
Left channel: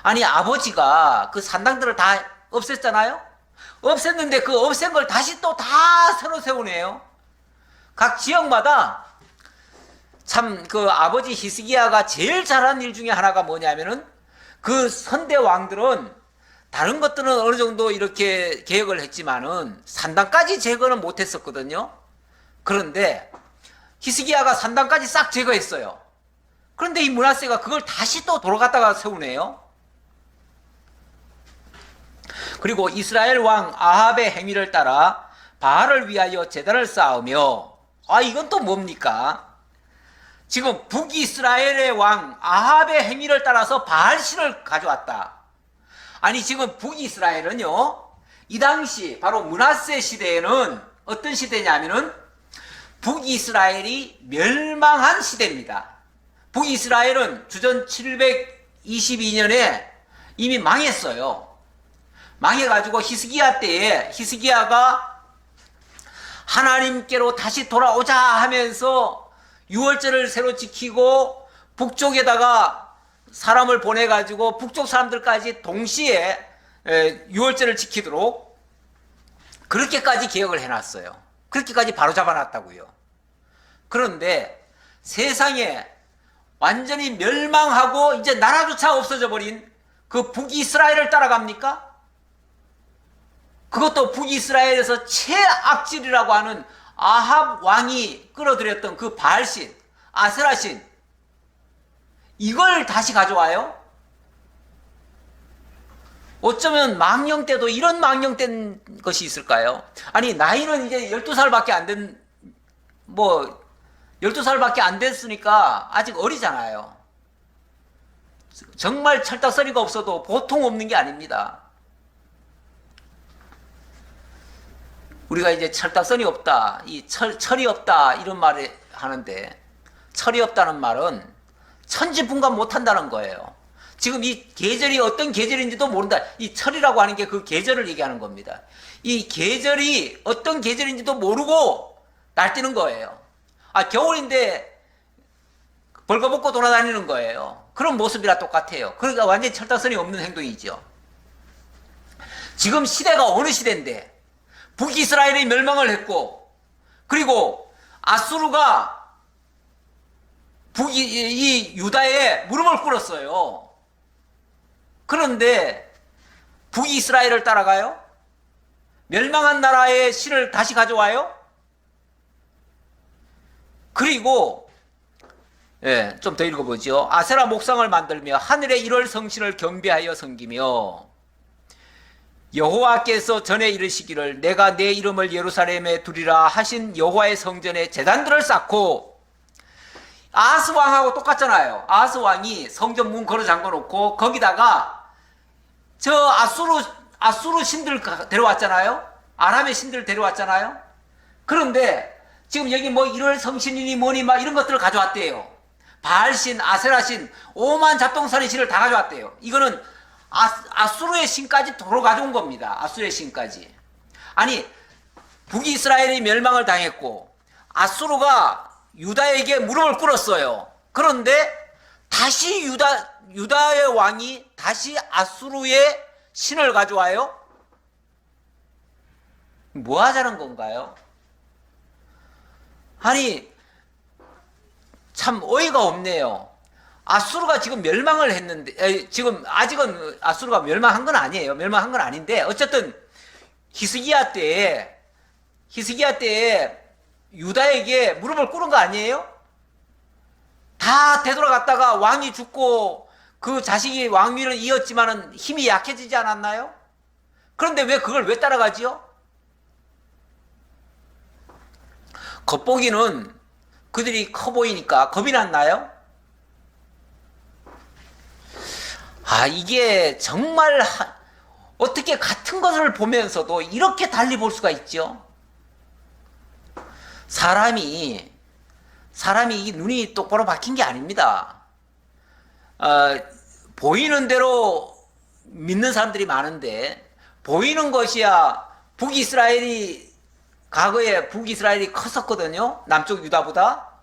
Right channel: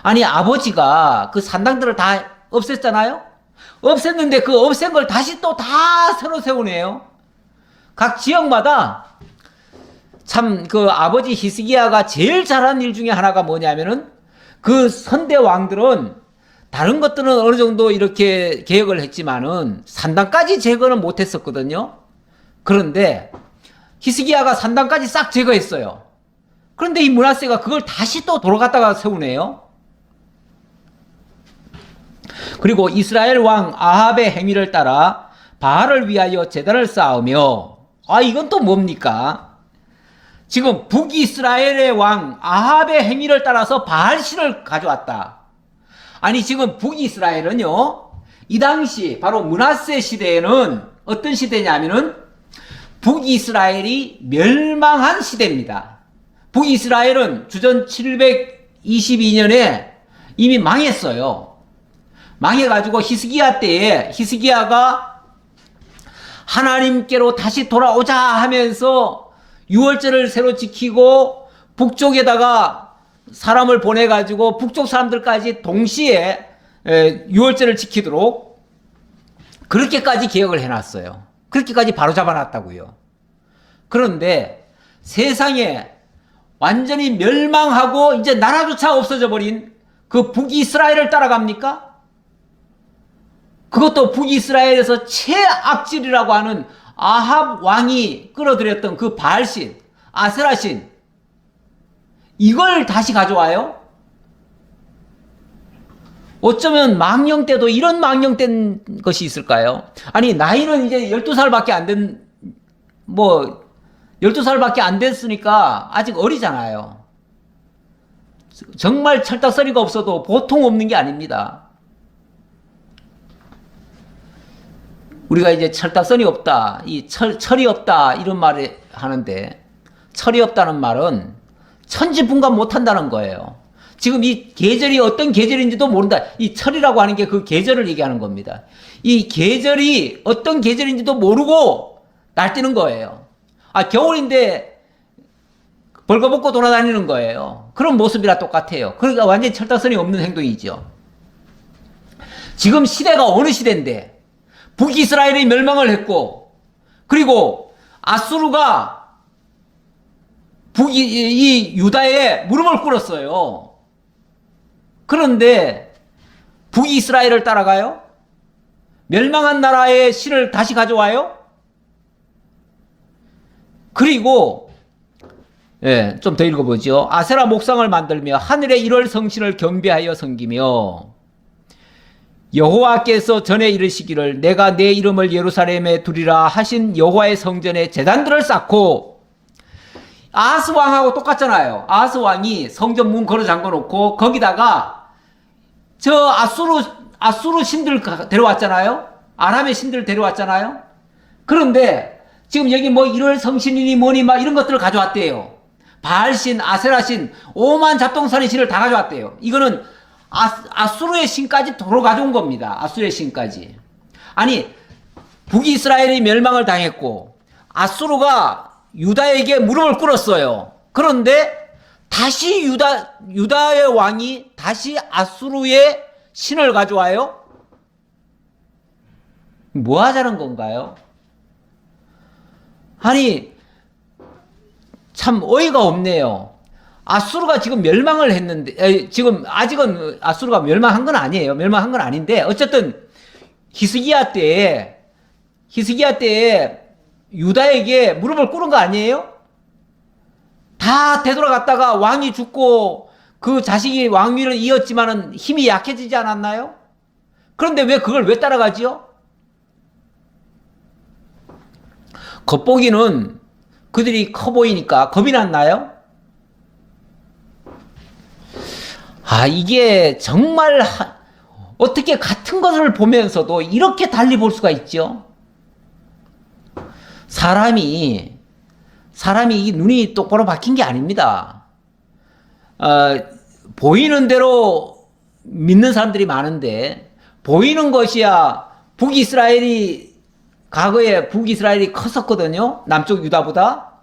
아니 아버지가 그 산당들을 다 없앴잖아요. 없앴는데 그 없앤 걸 다시 또 다 새로 세우네요. 각 지역마다 참 그 아버지 히스기야가 제일 잘한 일 중에 하나가 뭐냐면은 그 선대 왕들은 다른 것들은 어느 정도 이렇게 개혁을 했지만은 산당까지 제거는 못했었거든요. 그런데 히스기야가 산당까지 싹 제거했어요. 그런데 이 므낫세가 그걸 다시 또 돌아갔다가 세우네요. 그리고 이스라엘 왕 아합의 행위를 따라 바알을 위하여 제단을 쌓으며, 이건 또 뭡니까? 지금 북이스라엘의 왕 아합의 행위를 따라서 바알신을 가져왔다. 아니 지금 북이스라엘은요, 이 당시 바로 므낫세 시대에는 어떤 시대냐면은 북이스라엘이 멸망한 시대입니다. 북이스라엘은 주전 722년에 이미 망했어요. 망해가지고 히스기야 때에 히스기야가 하나님께로 다시 돌아오자 하면서 유월절을 새로 지키고 북쪽에다가 사람을 보내가지고 북쪽 사람들까지 동시에 유월절을 지키도록 그렇게까지 개혁을 해놨어요. 그렇게까지 바로 잡아놨다고요. 그런데 세상에 완전히 멸망하고 이제 나라조차 없어져 버린 그 북이스라엘을 따라갑니까? 그것도 북이스라엘에서 최악질이라고 하는 아합 왕이 끌어들였던 그 바알신, 아세라신, 이걸 다시 가져와요? 어쩌면 망령 때도 이런 망령된 것이 있을까요? 아니 나이는 이제 12살밖에 안 된, 12살밖에 안 됐으니까 아직 어리잖아요. 정말 철딱서니가 없어도 보통 없는 게 아닙니다. 우리가 이제 철딱서니 없다, 이 철이 없다 이런 말을 하는데, 철이 없다는 말은 천지분간 못한다는 거예요. 지금 이 계절이 어떤 계절인지도 모른다. 이 철이라고 하는 게 그 계절을 얘기하는 겁니다. 이 계절이 어떤 계절인지도 모르고 날뛰는 거예요. 겨울인데 벌거벗고 돌아다니는 거예요. 그런 모습이랑 똑같아요. 그러니까 완전히 철딱서니 없는 행동이죠. 지금 시대가 어느 시대인데 북이스라엘이 멸망을 했고, 그리고 아수르가 이 유다에 무릎을 꿇었어요. 그런데 북이스라엘을 따라가요? 멸망한 나라의 신을 다시 가져와요? 그리고 좀 더 읽어보죠. 아세라 목상을 만들며 하늘의 1월 성신을 경배하여 섬기며, 여호와께서 전에 이르시기를 내가 내 이름을 예루살렘에 두리라 하신 여호와의 성전에 제단들을 쌓고, 아하스 왕하고 똑같잖아요. 아하스 왕이 성전 문 걸어 잠궈 놓고 거기다가 저 아수르 신들 데려왔잖아요. 아람의 신들 데려왔잖아요. 그런데 지금 여기 1월 성신이니 뭐니 막 이런 것들을 가져왔대요. 바알신, 아세라신, 오만 잡동사니 신을 다 가져왔대요. 이거는 아수르의 신까지 도로 가져온 겁니다. 아수르의 신까지. 아니 북이스라엘이 멸망을 당했고 아수르가 유다에게 무릎을 꿇었어요. 그런데 다시 유다의 왕이 다시 아수르의 신을 가져와요? 뭐 하자는 건가요? 아니, 참 어이가 없네요. 아수르가 지금 멸망을 했는데, 지금 아직은 아수르가 멸망한 건 아니에요. 멸망한 건 아닌데, 어쨌든 히스기야 때에 유다에게 무릎을 꿇은 거 아니에요? 다 되돌아갔다가 왕이 죽고 그 자식이 왕위를 이었지만은 힘이 약해지지 않았나요? 그런데 왜 그걸 왜 따라가지요? 겉보기는 그들이 커 보이니까 겁이 났나요? 아, 이게 정말 어떻게 같은 것을 보면서도 이렇게 달리 볼 수가 있죠? 사람이 이 눈이 똑바로 박힌 게 아닙니다. 보이는 대로 믿는 사람들이 많은데, 보이는 것이야 과거에 북이스라엘이 컸었거든요. 남쪽 유다보다.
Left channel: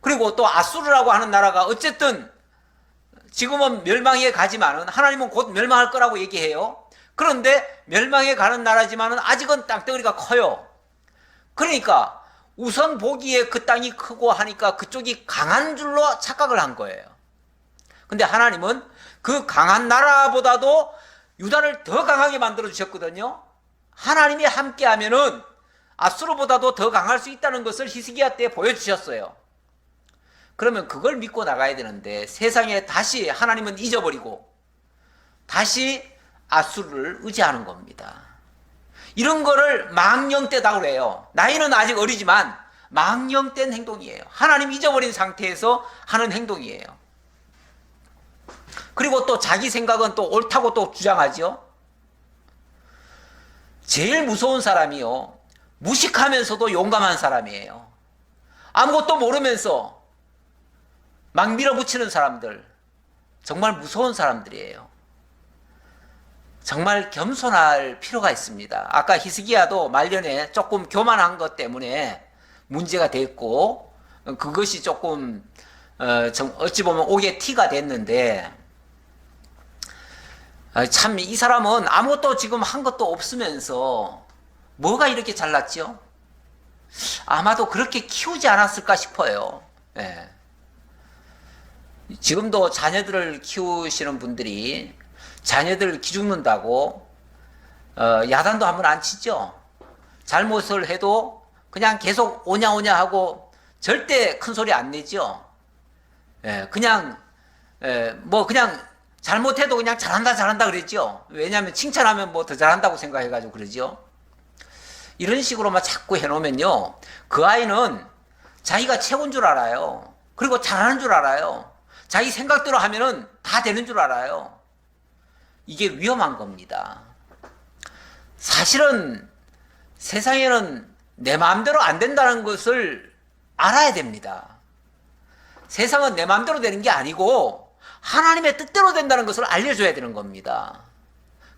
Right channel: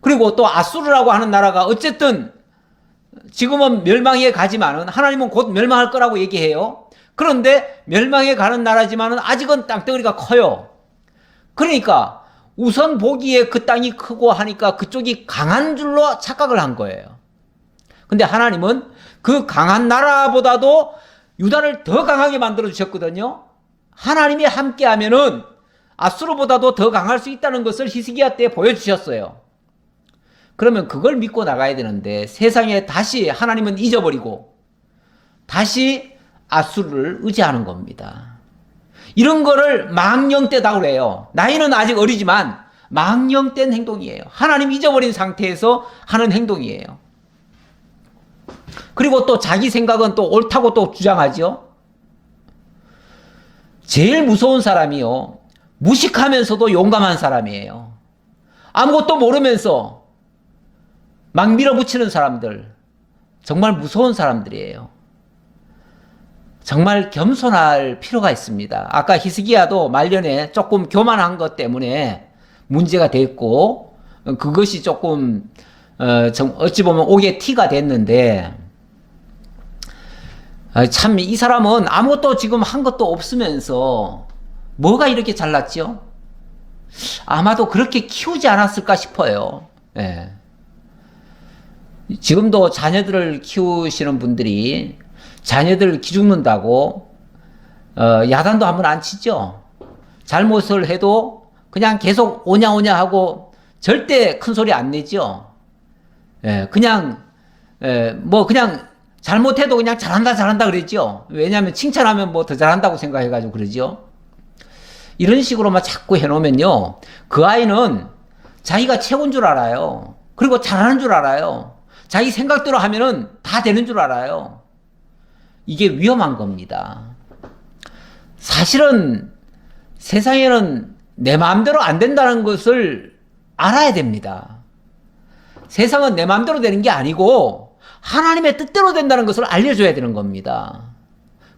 그리고 또 아수르라고 하는 나라가 어쨌든 지금은 멸망에 가지만은 하나님은 곧 멸망할 거라고 얘기해요. 그런데 멸망에 가는 나라지만은 아직은 땅덩어리가 커요. 그러니까 우선 보기에 그 땅이 크고 하니까 그쪽이 강한 줄로 착각을 한 거예요. 근데 하나님은 그 강한 나라보다도 유다를 더 강하게 만들어 주셨거든요. 하나님이 함께 하면은 아수르보다도 더 강할 수 있다는 것을 히스기야 때 보여주셨어요. 그러면 그걸 믿고 나가야 되는데 세상에 다시 하나님은 잊어버리고 다시 아수르를 의지하는 겁니다. 이런 거를 망령되다고 그래요. 나이는 아직 어리지만 망령된 행동이에요. 하나님 잊어버린 상태에서 하는 행동이에요. 그리고 또 자기 생각은 또 옳다고 또 주장하죠. 제일 무서운 사람이요, 무식하면서도 용감한 사람이에요. 아무것도 모르면서 막 밀어붙이는 사람들, 정말 무서운 사람들이에요. 정말 겸손할 필요가 있습니다. 아까 히스기야도 말년에 조금 교만한 것 때문에 문제가 됐고, 그것이 조금 어찌 보면 옥의 티가 됐는데, 참 이 사람은 아무것도 지금 한 것도 없으면서 뭐가 이렇게 잘났죠? 아마도 그렇게 키우지 않았을까 싶어요. 예. 지금도 자녀들을 키우시는 분들이 자녀들 기죽는다고 야단도 한번 안 치죠. 잘못을 해도 그냥 계속 오냐오냐 하고 절대 큰 소리 안 내죠. 예, 그냥 그냥 잘못해도 그냥 잘한다 그랬죠. 왜냐하면 칭찬하면 뭐 더 잘한다고 생각해가지고 그러죠. 이런 식으로만 자꾸 해놓으면요, 그 아이는 자기가 최고인 줄 알아요. 그리고 잘하는 줄 알아요. 자기 생각대로 하면은 다 되는 줄 알아요. 이게 위험한 겁니다. 사실은 세상에는 내 마음대로 안 된다는 것을 알아야 됩니다. 세상은 내 마음대로 되는 게 아니고 하나님의 뜻대로 된다는 것을 알려줘야 되는 겁니다.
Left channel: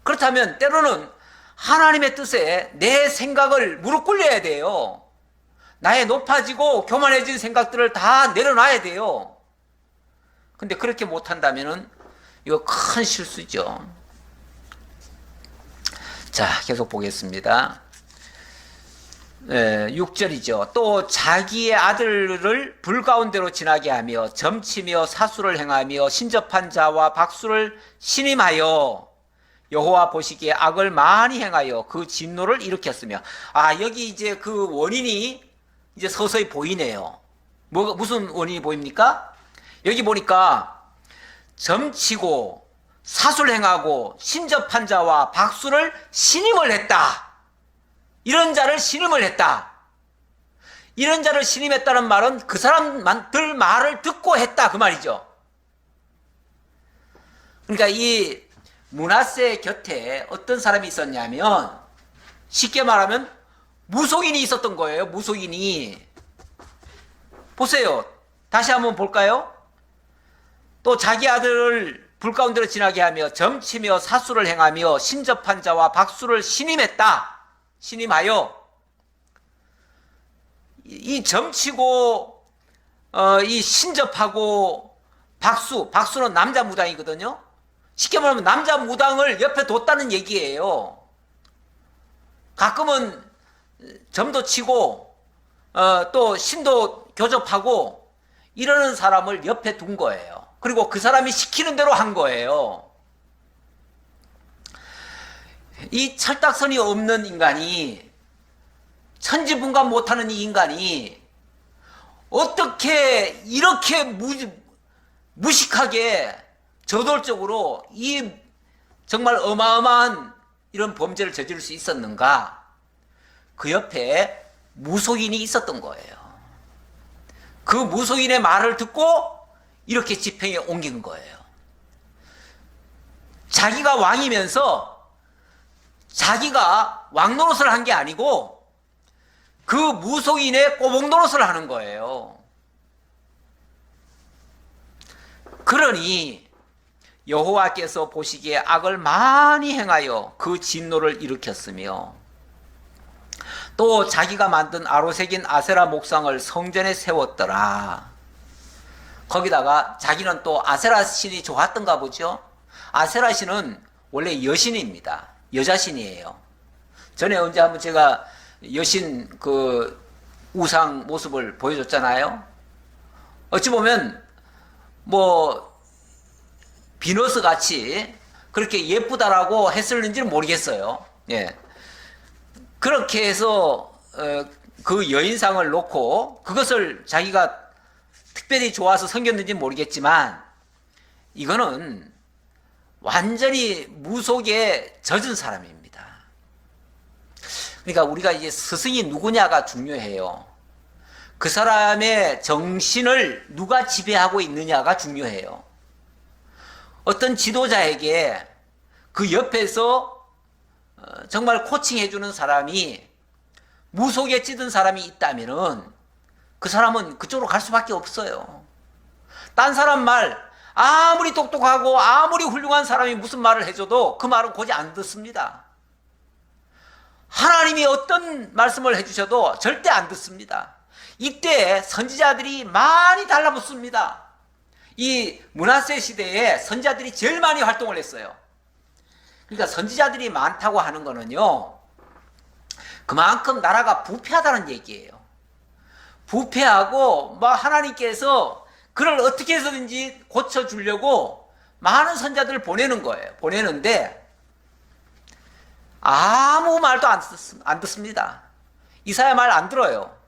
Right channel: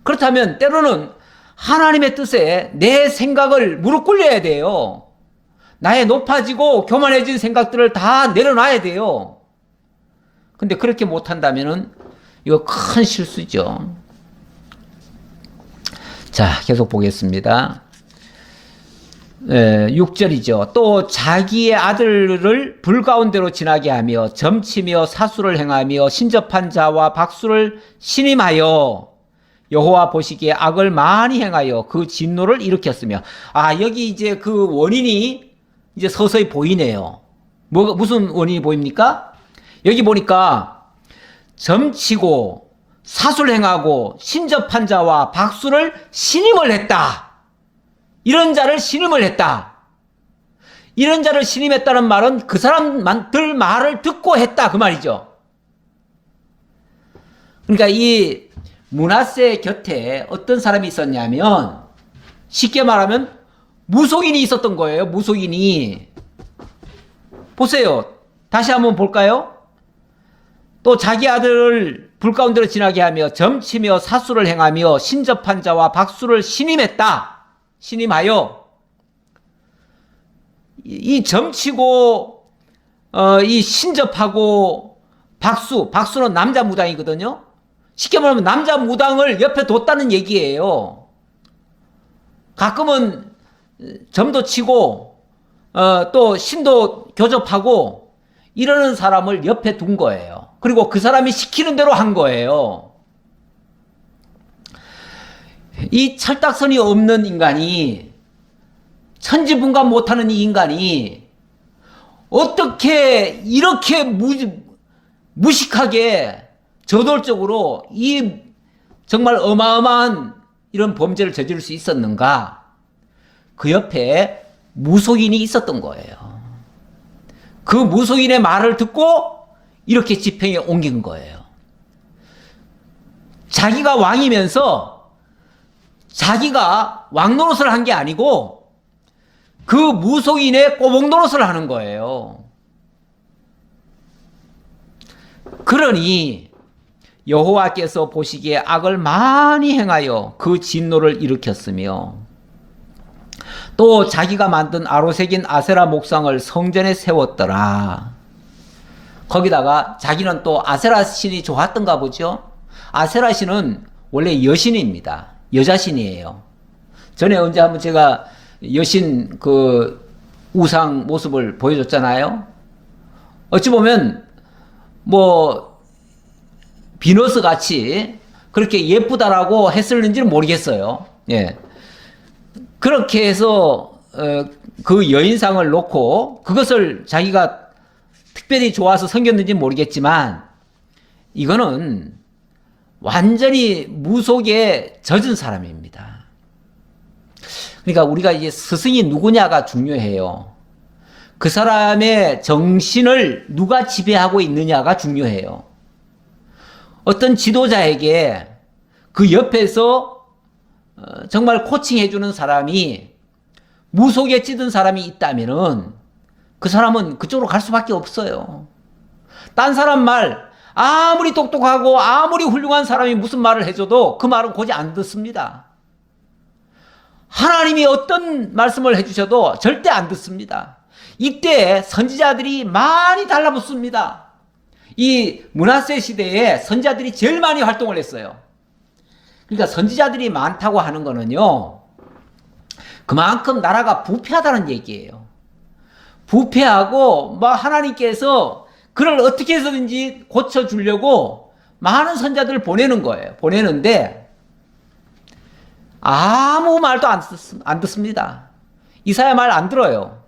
그렇다면 때로는 하나님의 뜻에 내 생각을 무릎 꿇려야 돼요. 나의 높아지고 교만해진 생각들을 다 내려놔야 돼요. 근데 그렇게 못한다면은 이거 큰 실수죠. 자, 계속 보겠습니다. 6절이죠. 또 자기의 아들을 불 가운데로 지나게 하며 점치며 사수를 행하며 신접한 자와 박수를 신임하여 여호와 보시기에 악을 많이 행하여 그 진노를 일으켰으며. 여기 이제 그 원인이 이제 서서히 보이네요. 무슨 원인이 보입니까? 여기 보니까 점치고 사수를 행하고 신접한 자와 박수를 신임을 했다. 이런 자를 신임을 했다. 이런 자를 신임했다는 말은 그 사람들 말을 듣고 했다, 그 말이죠. 그러니까 이 므낫세 곁에 어떤 사람이 있었냐면, 쉽게 말하면 무속인이 있었던 거예요. 무속인이. 보세요. 다시 한번 볼까요? 또 자기 아들을 불 가운데로 지나게 하며 점치며 사수를 행하며 신접한 자와 박수를 신임했다. 신임하여. 이 점치고 이 신접하고 박수는 남자 무당이거든요. 쉽게 말하면 남자 무당을 옆에 뒀다는 얘기예요. 가끔은 점도 치고 또 신도 교접하고 이러는 사람을 옆에 둔 거예요. 그리고 그 사람이 시키는 대로 한 거예요. 이 철딱선이 없는 인간이, 천지분간 못하는 이 인간이 어떻게 이렇게 무식하게 저돌적으로 이 정말 어마어마한 이런 범죄를 저지를 수 있었는가? 그 옆에 무속인이 있었던 거예요. 그 무속인의 말을 듣고 이렇게 집행에 옮긴 거예요. 자기가 왕이면서 자기가 왕 노릇을 한 게 아니고 그 무속인의 꼬복 노릇을 하는 거예요. 그러니 여호와께서 보시기에 악을 많이 행하여 그 진노를 일으켰으며 또 자기가 만든 아로새긴 아세라 목상을 성전에 세웠더라. 거기다가 자기는 또 아세라 신이 좋았던가 보죠. 아세라 신은 원래 여신입니다. 여자신이에요. 전에 언제 한번 제가 여신 그 우상 모습을 보여줬잖아요. 어찌 보면 뭐 비너스 같이 그렇게 예쁘다라고 했을는지는 모르겠어요. 예. 그렇게 해서 그 여인상을 놓고 그것을 자기가 특별히 좋아서 섬겼는지는 모르겠지만 이거는 완전히 무속에 젖은 사람입니다. 그러니까 우리가 이제 스승이 누구냐가 중요해요. 그 사람의 정신을 누가 지배하고 있느냐가 중요해요. 어떤 지도자에게 그 옆에서 정말 코칭해주는 사람이 무속에 찌든 사람이 있다면은 그 사람은 그쪽으로 갈 수밖에 없어요. 딴 사람 말 아무리 똑똑하고 아무리 훌륭한 사람이 무슨 말을 해줘도 그 말은 고지 안 듣습니다. 하나님이 어떤 말씀을 해주셔도 절대 안 듣습니다. 이때 선지자들이 많이 달라붙습니다. 이 므낫세 시대에 선지자들이 제일 많이 활동을 했어요. 그러니까 선지자들이 많다고 하는 거는요, 그만큼 나라가 부패하다는 얘기예요. 부패하고 뭐 하나님께서 그를 어떻게 해서든지 고쳐주려고 많은 선지자들을 보내는 거예요. 보내는데 아무 말도 안 듣습니다. 이사야 말 안 들어요.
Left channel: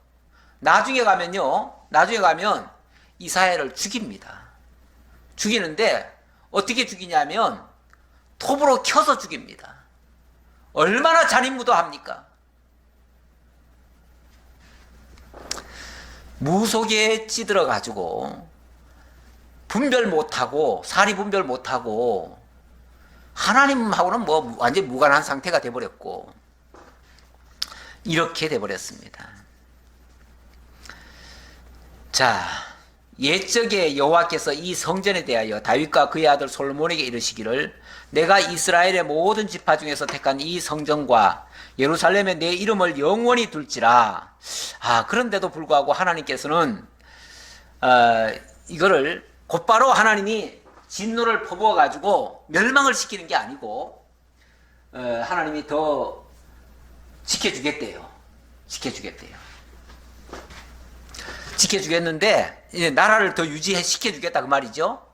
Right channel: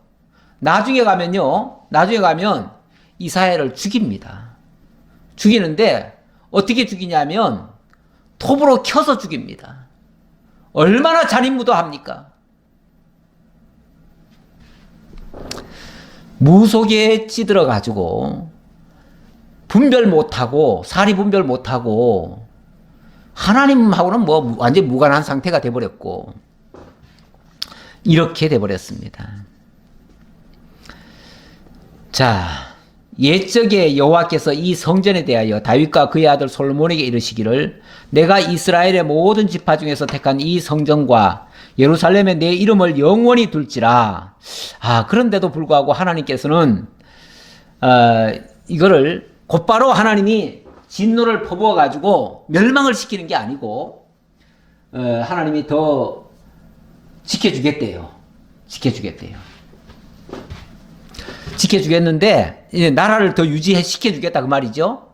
나중에 가면 이사야를 죽입니다. 죽이는데 어떻게 죽이냐면 톱으로 켜서 죽입니다. 얼마나 잔인무도합니까? 무속에 찌들어 가지고 분별 못하고 사리 분별 못하고 하나님하고는 뭐 완전히 무관한 상태가 돼버렸고 이렇게 돼버렸습니다. 자, 옛적에 여호와께서 이 성전에 대하여 다윗과 그의 아들 솔로몬에게 이르시기를 내가 이스라엘의 모든 지파 중에서 택한 이 성전과 예루살렘에 내 이름을 영원히 둘지라. 그런데도 불구하고 하나님께서는 이거를 곧바로 하나님이 진노를 퍼부어 가지고 멸망을 시키는 게 아니고 하나님이 더 지켜주겠대요. 지켜주겠는데 이제 나라를 더 유지시켜주겠다 그 말이죠.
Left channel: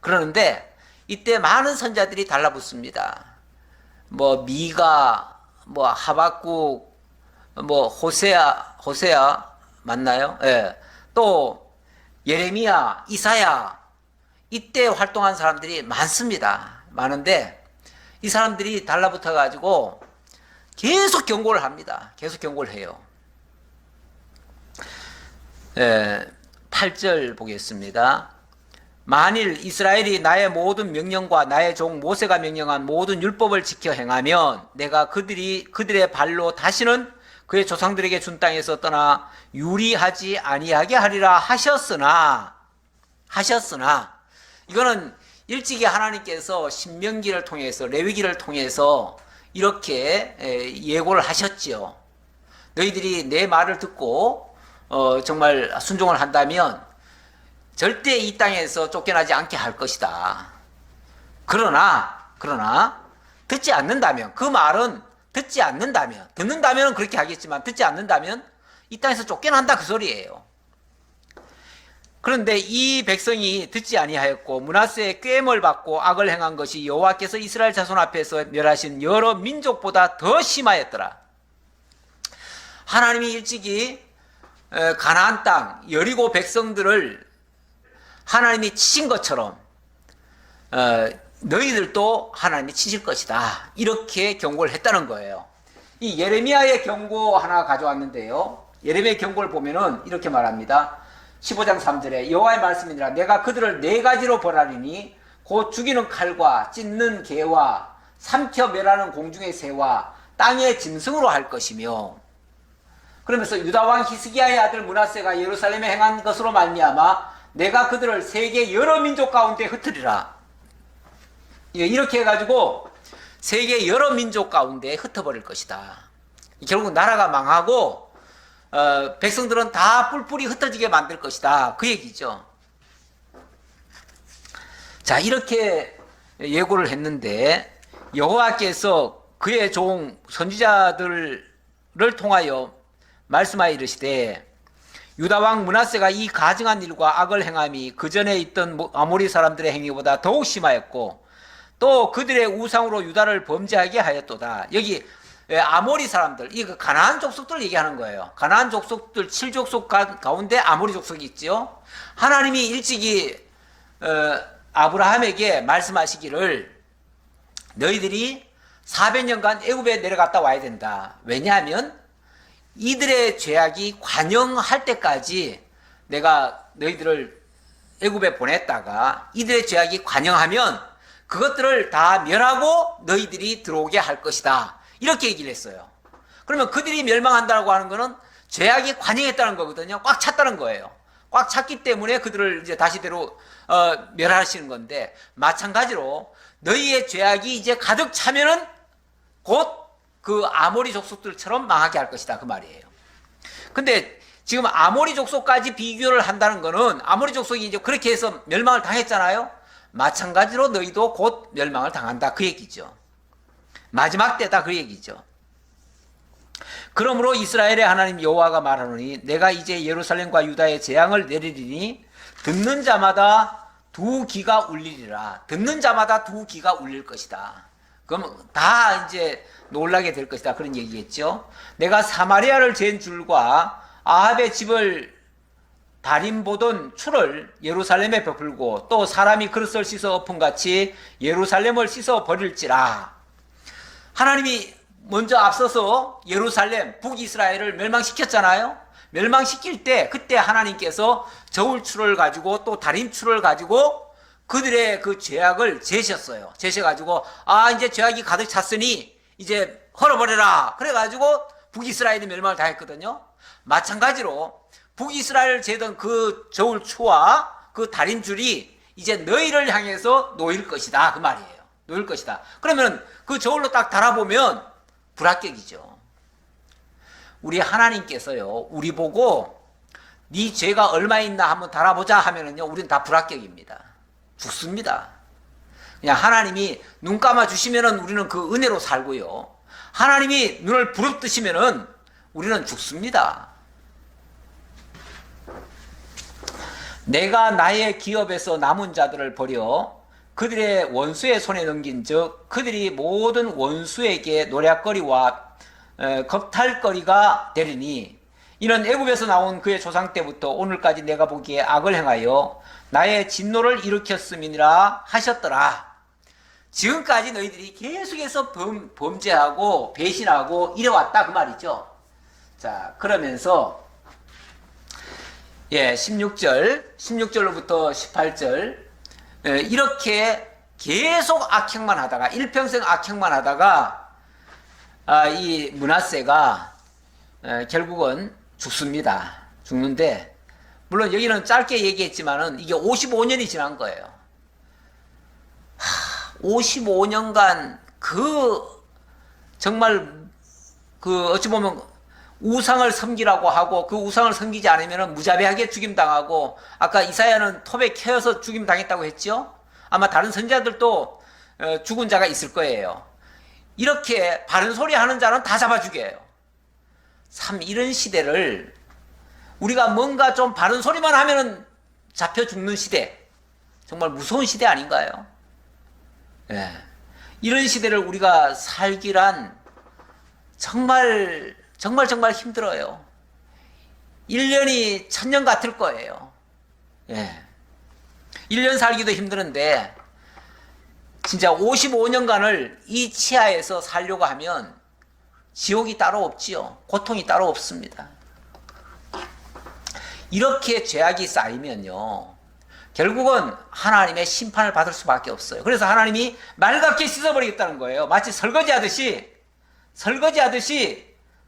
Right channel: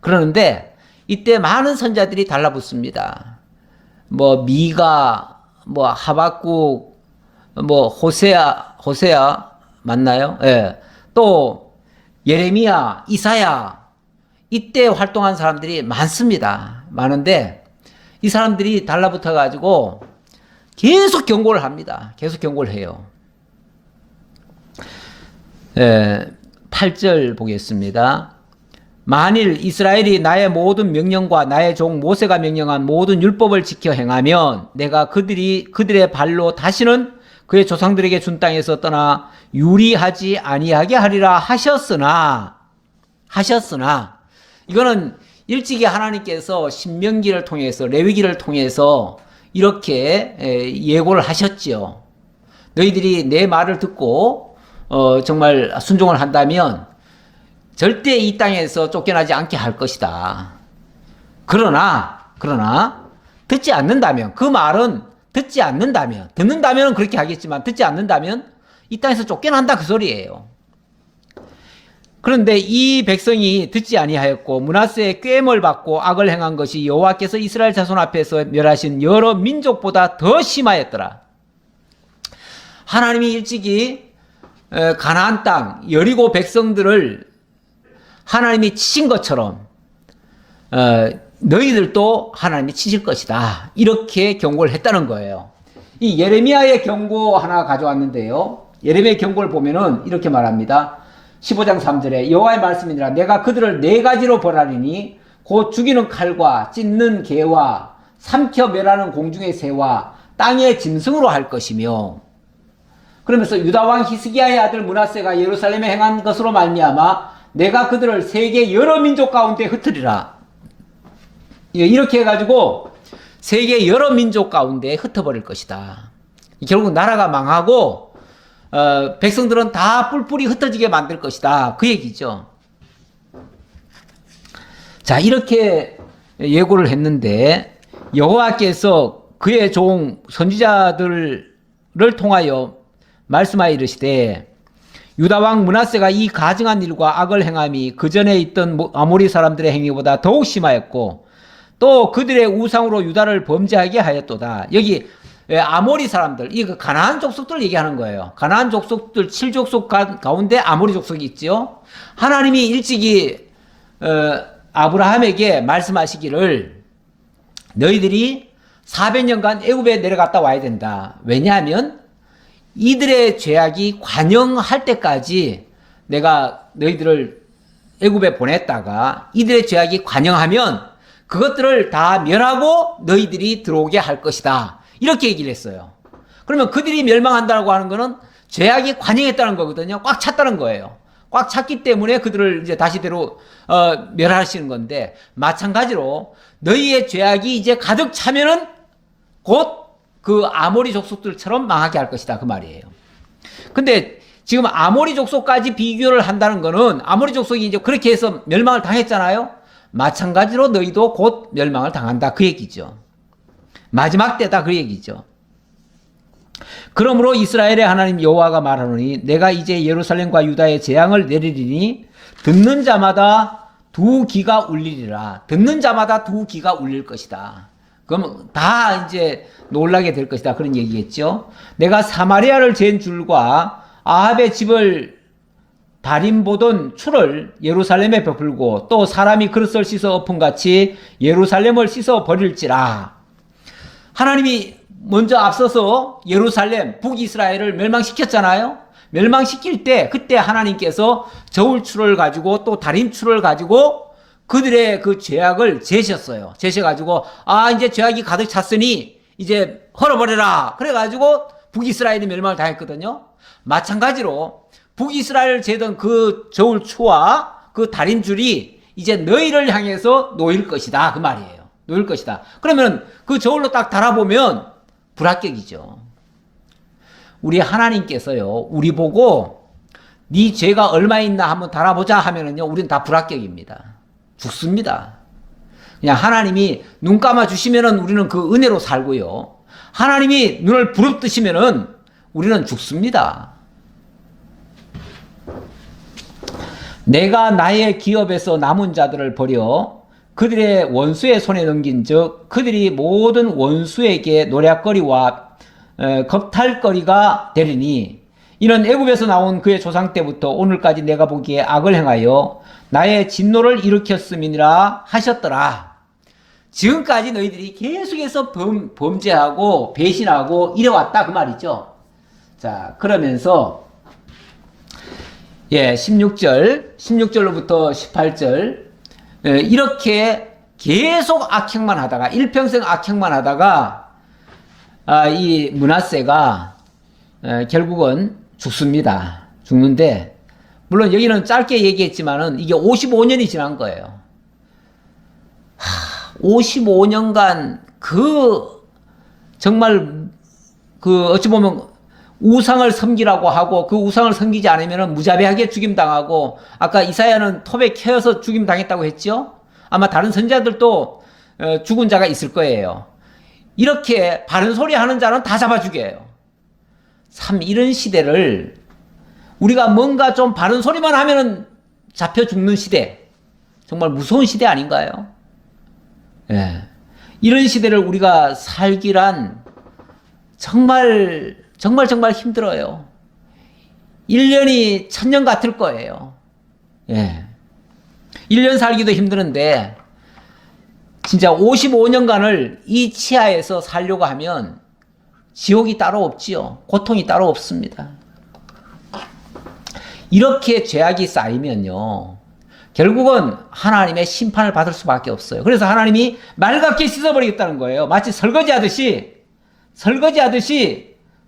그러는데 이때 많은 선자들이 달라붙습니다. 뭐 미가, 뭐 하박국, 뭐 호세아 맞나요? 예. 또 예레미야, 이사야 이때 활동한 사람들이 많습니다. 많은데 이 사람들이 달라붙어 가지고 계속 경고를 합니다. 계속 경고를 해요. 8절 보겠습니다. 만일 이스라엘이 나의 모든 명령과 나의 종 모세가 명령한 모든 율법을 지켜 행하면 내가 그들의 발로 다시는 그의 조상들에게 준 땅에서 떠나 유리하지 아니하게 하리라 하셨으나 이거는 일찍이 하나님께서 신명기를 통해서 레위기를 통해서 이렇게 예고를 하셨지요. 너희들이 내 말을 듣고 정말 순종을 한다면 절대 이 땅에서 쫓겨나지 않게 할 것이다. 그러나 듣지 않는다면, 그 말은 듣지 않는다면, 듣는다면 그렇게 하겠지만 듣지 않는다면 이 땅에서 쫓겨난다 그 소리예요. 그런데 이 백성이 듣지 아니하였고 므낫세의 꾀임을 받고 악을 행한 것이 여호와께서 이스라엘 자손 앞에서 멸하신 여러 민족보다 더 심하였더라. 하나님이 일찍이 가나안 땅 여리고 백성들을 하나님이 치신 것처럼 너희들도 하나님이 치실 것이다. 이렇게 경고를 했다는 거예요. 이 예레미야의 경고 하나 가져왔는데요. 예레미야의 경고를 보면은 이렇게 말합니다. 15장 3절에 여호와의 말씀이니라 내가 그들을 네 가지로 벌하리니 곧 죽이는 칼과 찢는 개와 삼켜 멸하는 공중의 새와 땅의 짐승으로 할 것이며, 그러면서 유다왕 히스기야의 아들 므낫세가 예루살렘에 행한 것으로 말미암아 내가 그들을 세계 여러 민족 가운데 흩으리라. 이렇게 해가지고 세계 여러 민족 가운데 흩어버릴 것이다. 결국 나라가 망하고 백성들은 다 뿔뿔이 흩어지게 만들 것이다. 그 얘기죠. 자, 이렇게 예고를 했는데 여호와께서 그의 종 선지자들을 통하여 말씀하여 이르시되 유다왕 므낫세가 이 가증한 일과 악을 행함이 그 전에 있던 아모리 사람들의 행위보다 더욱 심하였고 또 그들의 우상으로 유다를 범죄하게 하였도다. 여기 아모리 사람들, 이 가나안 족속들 얘기하는 거예요. 가나안 족속들 7족속 가운데 아모리 족속이 있죠. 하나님이 일찍이 아브라함에게 말씀하시기를 너희들이 400년간 애굽에 내려갔다 와야 된다. 왜냐하면 이들의 죄악이 관영할 때까지 내가 너희들을 애굽에 보냈다가 이들의 죄악이 관영하면 그것들을 다 멸하고 너희들이 들어오게 할 것이다. 이렇게 얘기를 했어요. 그러면 그들이 멸망한다고 하는 거는 죄악이 관영했다는 거거든요. 꽉 찼다는 거예요. 꽉 찼기 때문에 그들을 이제 다시대로 멸하시는 건데, 마찬가지로 너희의 죄악이 이제 가득 차면은 곧 그 아모리 족속들처럼 망하게 할 것이다. 그 말이에요. 근데 지금 아모리 족속까지 비교를 한다는 거는 아모리 족속이 이제 그렇게 해서 멸망을 당했잖아요. 마찬가지로 너희도 곧 멸망을 당한다. 그 얘기죠. 마지막 때다. 그 얘기죠. 그러므로 이스라엘의 하나님 여호와가 말하노니 내가 이제 예루살렘과 유다의 재앙을 내리리니 듣는 자마다 두 귀가 울리리라. 듣는 자마다 두 귀가 울릴 것이다. 그럼 다 이제 놀라게 될 것이다. 그런 얘기겠죠. 내가 사마리아를 잰 줄과 아합의 집을 달인 보던 추를 예루살렘에 베풀고 또 사람이 그릇을 씻어 엎은 같이 예루살렘을 씻어 버릴지라. 하나님이 먼저 앞서서 예루살렘, 북이스라엘을 멸망시켰잖아요. 멸망시킬 때 그때 하나님께서 저울추를 가지고 또 달인추를 가지고 그들의 그 죄악을 재셨어요. 재셔가지고 이제 죄악이 가득 찼으니 이제 헐어버려라. 그래가지고 북이스라엘이 멸망을 당했거든요. 마찬가지로 북이스라엘을 재던 그 저울추와 그 달인줄이 이제 너희를 향해서 놓일 것이다. 그 말이에요. 놓일 것이다. 그러면 그 저울로 딱 달아보면 불합격이죠. 우리 하나님께서요, 우리 보고 네 죄가 얼마 있나 한번 달아보자 하면은요, 우리는 다 불합격입니다. 죽습니다. 그냥 하나님이 눈 감아 주시면은 우리는 그 은혜로 살고요. 하나님이 눈을 부릅뜨시면은 우리는 죽습니다. 내가 나의 기업에서 남은 자들을 버려 그들의 원수의 손에 넘긴 즉 그들이 모든 원수에게 노략거리와 겁탈거리가 되리니 이는 애굽에서 나온 그의 조상 때부터 오늘까지 내가 보기에 악을 행하여 나의 진노를 일으켰음이니라 하셨더라. 지금까지 너희들이 계속해서 범죄하고 배신하고 이래왔다 그 말이죠. 자, 그러면서 16절로부터 18절 이렇게 계속 악행만 하다가 일평생 악행만 하다가 이 므낫세가 결국은 죽습니다. 죽는데 물론 여기는 짧게 얘기했지만은 이게 55년이 지난 거예요. 55년간 정말 어찌 보면 우상을 섬기라고 하고 그 우상을 섬기지 않으면 무자비하게 죽임당하고 아까 이사야는 톱에 켜여서 죽임당했다고 했죠? 아마 다른 선지자들도 죽은 자가 있을 거예요. 이렇게 바른 소리 하는 자는 다 잡아 죽여요. 참 이런 시대를 우리가 뭔가 좀 바른 소리만 하면은 잡혀 죽는 시대, 정말 무서운 시대 아닌가요? 예. 이런 시대를 우리가 살기란 정말 힘들어요. 1년이 1000년 같을 거예요. 예. 1년 살기도 힘드는데 진짜 55년간을 이 치하에서 살려고 하면 지옥이 따로 없지요. 고통이 따로 없습니다. 이렇게 죄악이 쌓이면요, 결국은 하나님의 심판을 받을 수밖에 없어요. 그래서 하나님이 맑게 씻어버리겠다는 거예요. 마치 설거지하듯이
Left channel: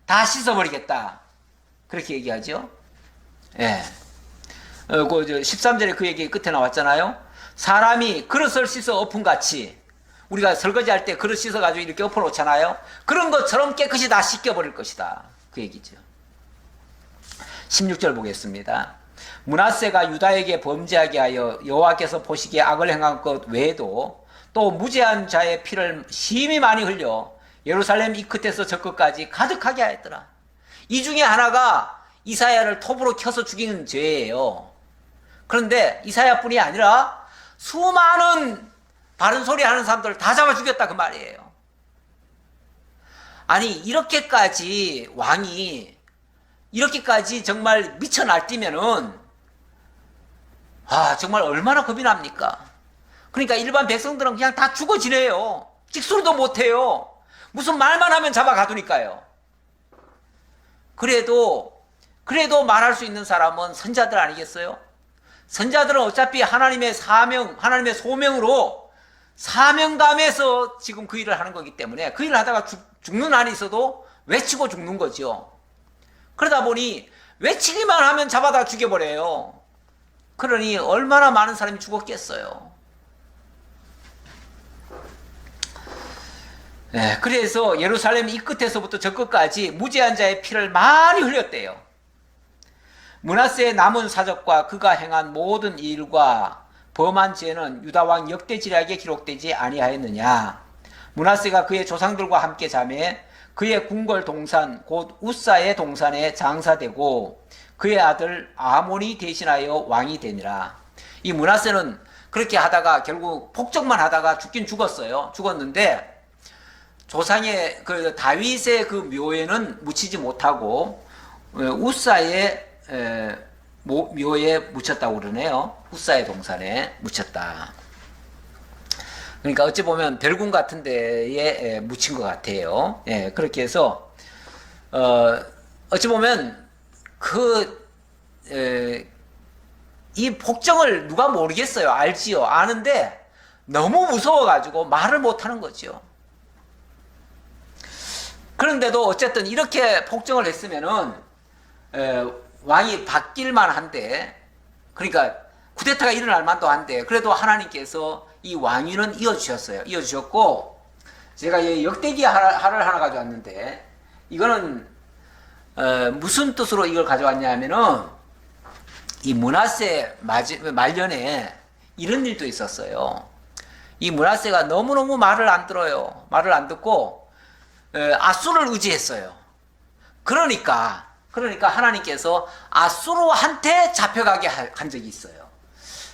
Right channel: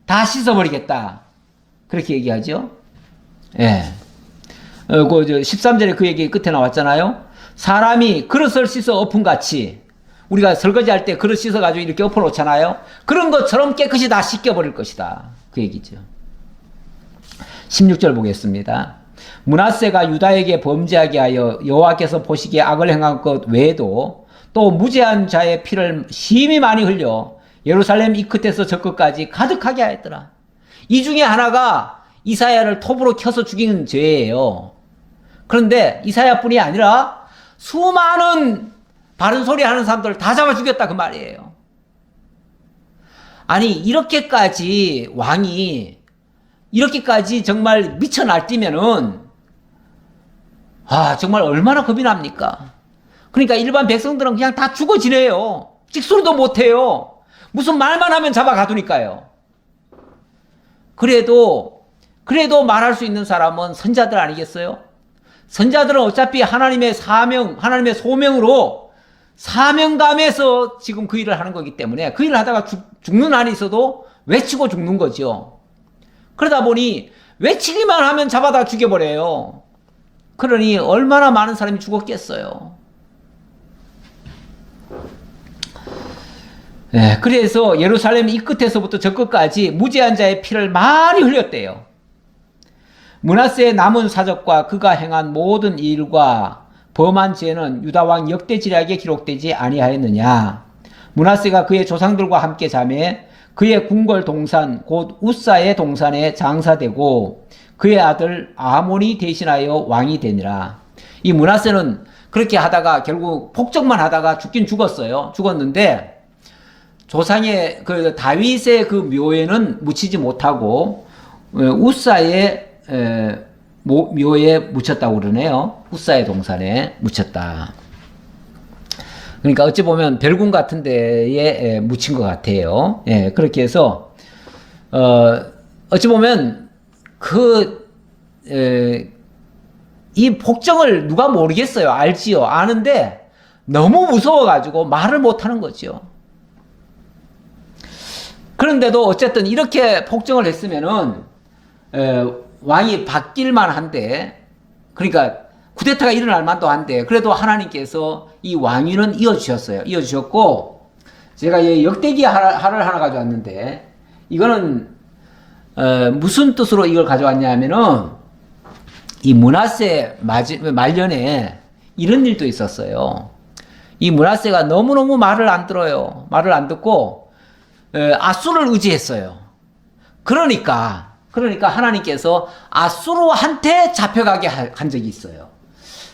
다 씻어버리겠다. 그렇게 얘기하죠. 예. 그 13절에 그 얘기 끝에 나왔잖아요. 사람이 그릇을 씻어 엎은같이, 우리가 설거지할 때 그릇 씻어가지고 이렇게 엎어놓잖아요. 그런 것처럼 깨끗이 다 씻겨버릴 것이다. 그 얘기죠. 16절 보겠습니다. 므낫세가 유다에게 범죄하게 하여 여호와께서 보시기에 악을 행한 것 외에도 또 무죄한 자의 피를 심히 많이 흘려 예루살렘 이 끝에서 저 끝까지 가득하게 하였더라. 이 중에 하나가 이사야를 톱으로 켜서 죽이는 죄예요. 그런데 이사야뿐이 아니라 수많은 바른 소리 하는 사람들을 다 잡아 죽였다 그 말이에요. 아니 이렇게까지 왕이 이렇게까지 정말 미쳐 날뛰면은 정말 얼마나 겁이 납니까? 그러니까 일반 백성들은 그냥 다 죽어 지내요. 찍소리도 못해요. 무슨 말만 하면 잡아 가두니까요. 그래도 말할 수 있는 사람은 선자들 아니겠어요? 선자들은 어차피 하나님의 사명, 하나님의 소명으로 사명감에서 지금 그 일을 하는 거기 때문에 그 일을 하다가 죽는 한이 있어도 외치고 죽는 거죠. 그러다 보니 외치기만 하면 잡아다 죽여버려요. 그러니 얼마나 많은 사람이 죽었겠어요. 네, 그래서 예루살렘 이 끝에서부터 저 끝까지 무죄한 자의 피를 많이 흘렸대요. 므낫세의 남은 사적과 그가 행한 모든 일과 범한 죄는 유다 왕 역대지략에 기록되지 아니하였느냐. 므낫세가 그의 조상들과 함께 자매 그의 궁궐 동산 곧 우사의 동산에 장사되고 그의 아들 아몬이 대신하여 왕이 되니라. 이 므낫세는 그렇게 하다가 결국 폭정만 하다가 죽긴 죽었어요. 죽었는데 조상의 그 다윗의 그 묘에는 묻히지 못하고 우사의 묘에 묻혔다고 그러네요. 우사의 동산에 묻혔다. 그러니까 어찌 보면 별궁 같은 데에 묻힌 것 같아요. 예, 그렇게 해서 어찌 보면 이 폭정을 누가 모르겠어요. 알지요. 아는데 너무 무서워가지고 말을 못하는 거죠. 그런데도 어쨌든 이렇게 폭정을 했으면은 왕이 바뀔만 한데, 그러니까 쿠데타가 일어날 만도 한데, 그래도 하나님께서 이 왕위는 이어주셨어요. 이어주셨고, 제가 역대기 하를 하나 가져왔는데, 이거는 무슨 뜻으로 이걸 가져왔냐 하면은 이 므낫세 말년에 이런 일도 있었어요. 이 므낫세가 너무너무 말을 안 들어요. 말을 안 듣고 아수를 의지했어요. 그러니까 하나님께서 아수르한테 잡혀가게 한 적이 있어요.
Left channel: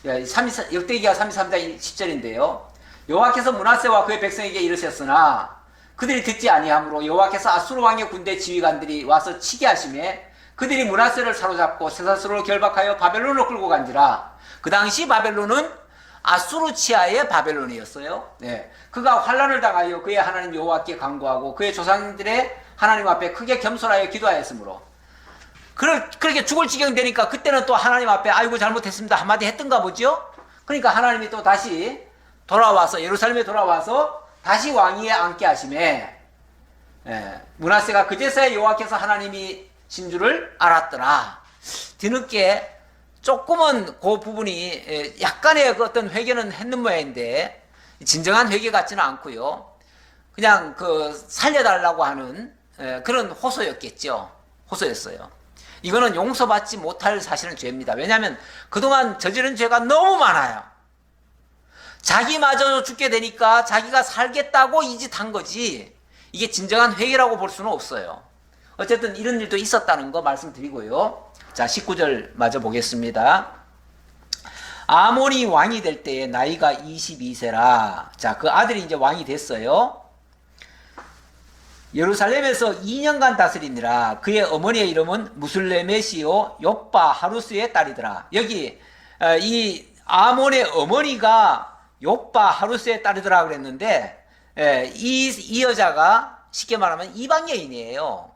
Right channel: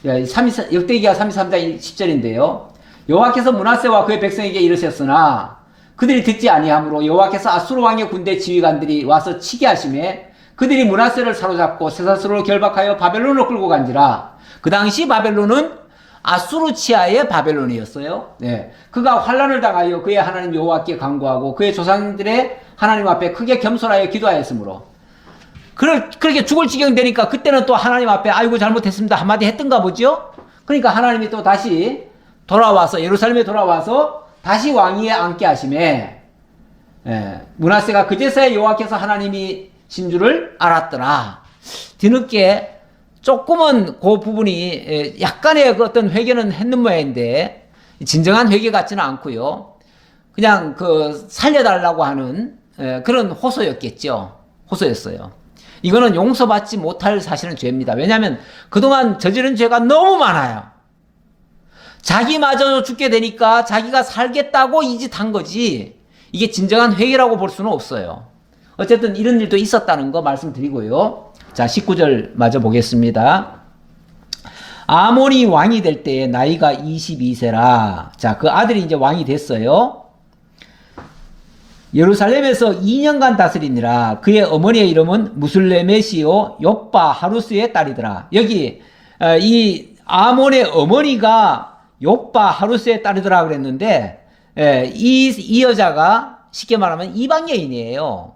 역대기가 33장 10절인데요. 여호와께서 므낫세와 그의 백성에게 이르셨으나 그들이 듣지 아니하므로 여호와께서 아수르 왕의 군대 지휘관들이 와서 치게 하심에 그들이 므낫세를 사로잡고 쇠사슬로 결박하여 바벨론으로 끌고 간지라. 그 당시 바벨론은 아수르 치하의 바벨론이었어요. 네. 그가 환난을 당하여 그의 하나님 여호와께 간구하고 그의 조상들의 하나님 앞에 크게 겸손하여 기도하였으므로 그렇게 죽을 지경 되니까 그때는 또 하나님 앞에 아이고 잘못했습니다 한마디 했던가 보죠. 그러니까 하나님이 또 다시 돌아와서 예루살렘에 돌아와서 다시 왕위에 앉게 하심에 므낫세가 그제서야 여호와께서 하나님이신 줄을 알았더라. 뒤늦게 조금은 그 부분이 약간의 그 어떤 회개는 했는 모양인데 진정한 회개 같지는 않고요. 그냥 그 살려달라고 하는 그런 호소였겠죠. 호소했어요. 이거는 용서받지 못할 사실은 죄입니다. 왜냐하면 그동안 저지른 죄가 너무 많아요. 자기마저 죽게 되니까 자기가 살겠다고 이 짓 한 거지 이게 진정한 회개라고 볼 수는 없어요. 어쨌든 이런 일도 있었다는 거 말씀드리고요. 자, 19절 마저 보겠습니다. 아몬이 왕이 될 때에 나이가 22세라. 자, 그 아들이 이제 왕이 됐어요. 예루살렘에서 2년간 다스리니라. 그의 어머니의 이름은 무슬레메시오 욥바 하루스의 딸이더라. 여기 이 아몬의 어머니가 욥바 하루스의 딸이더라 그랬는데 이 여자가 쉽게 말하면 이방 여인이에요.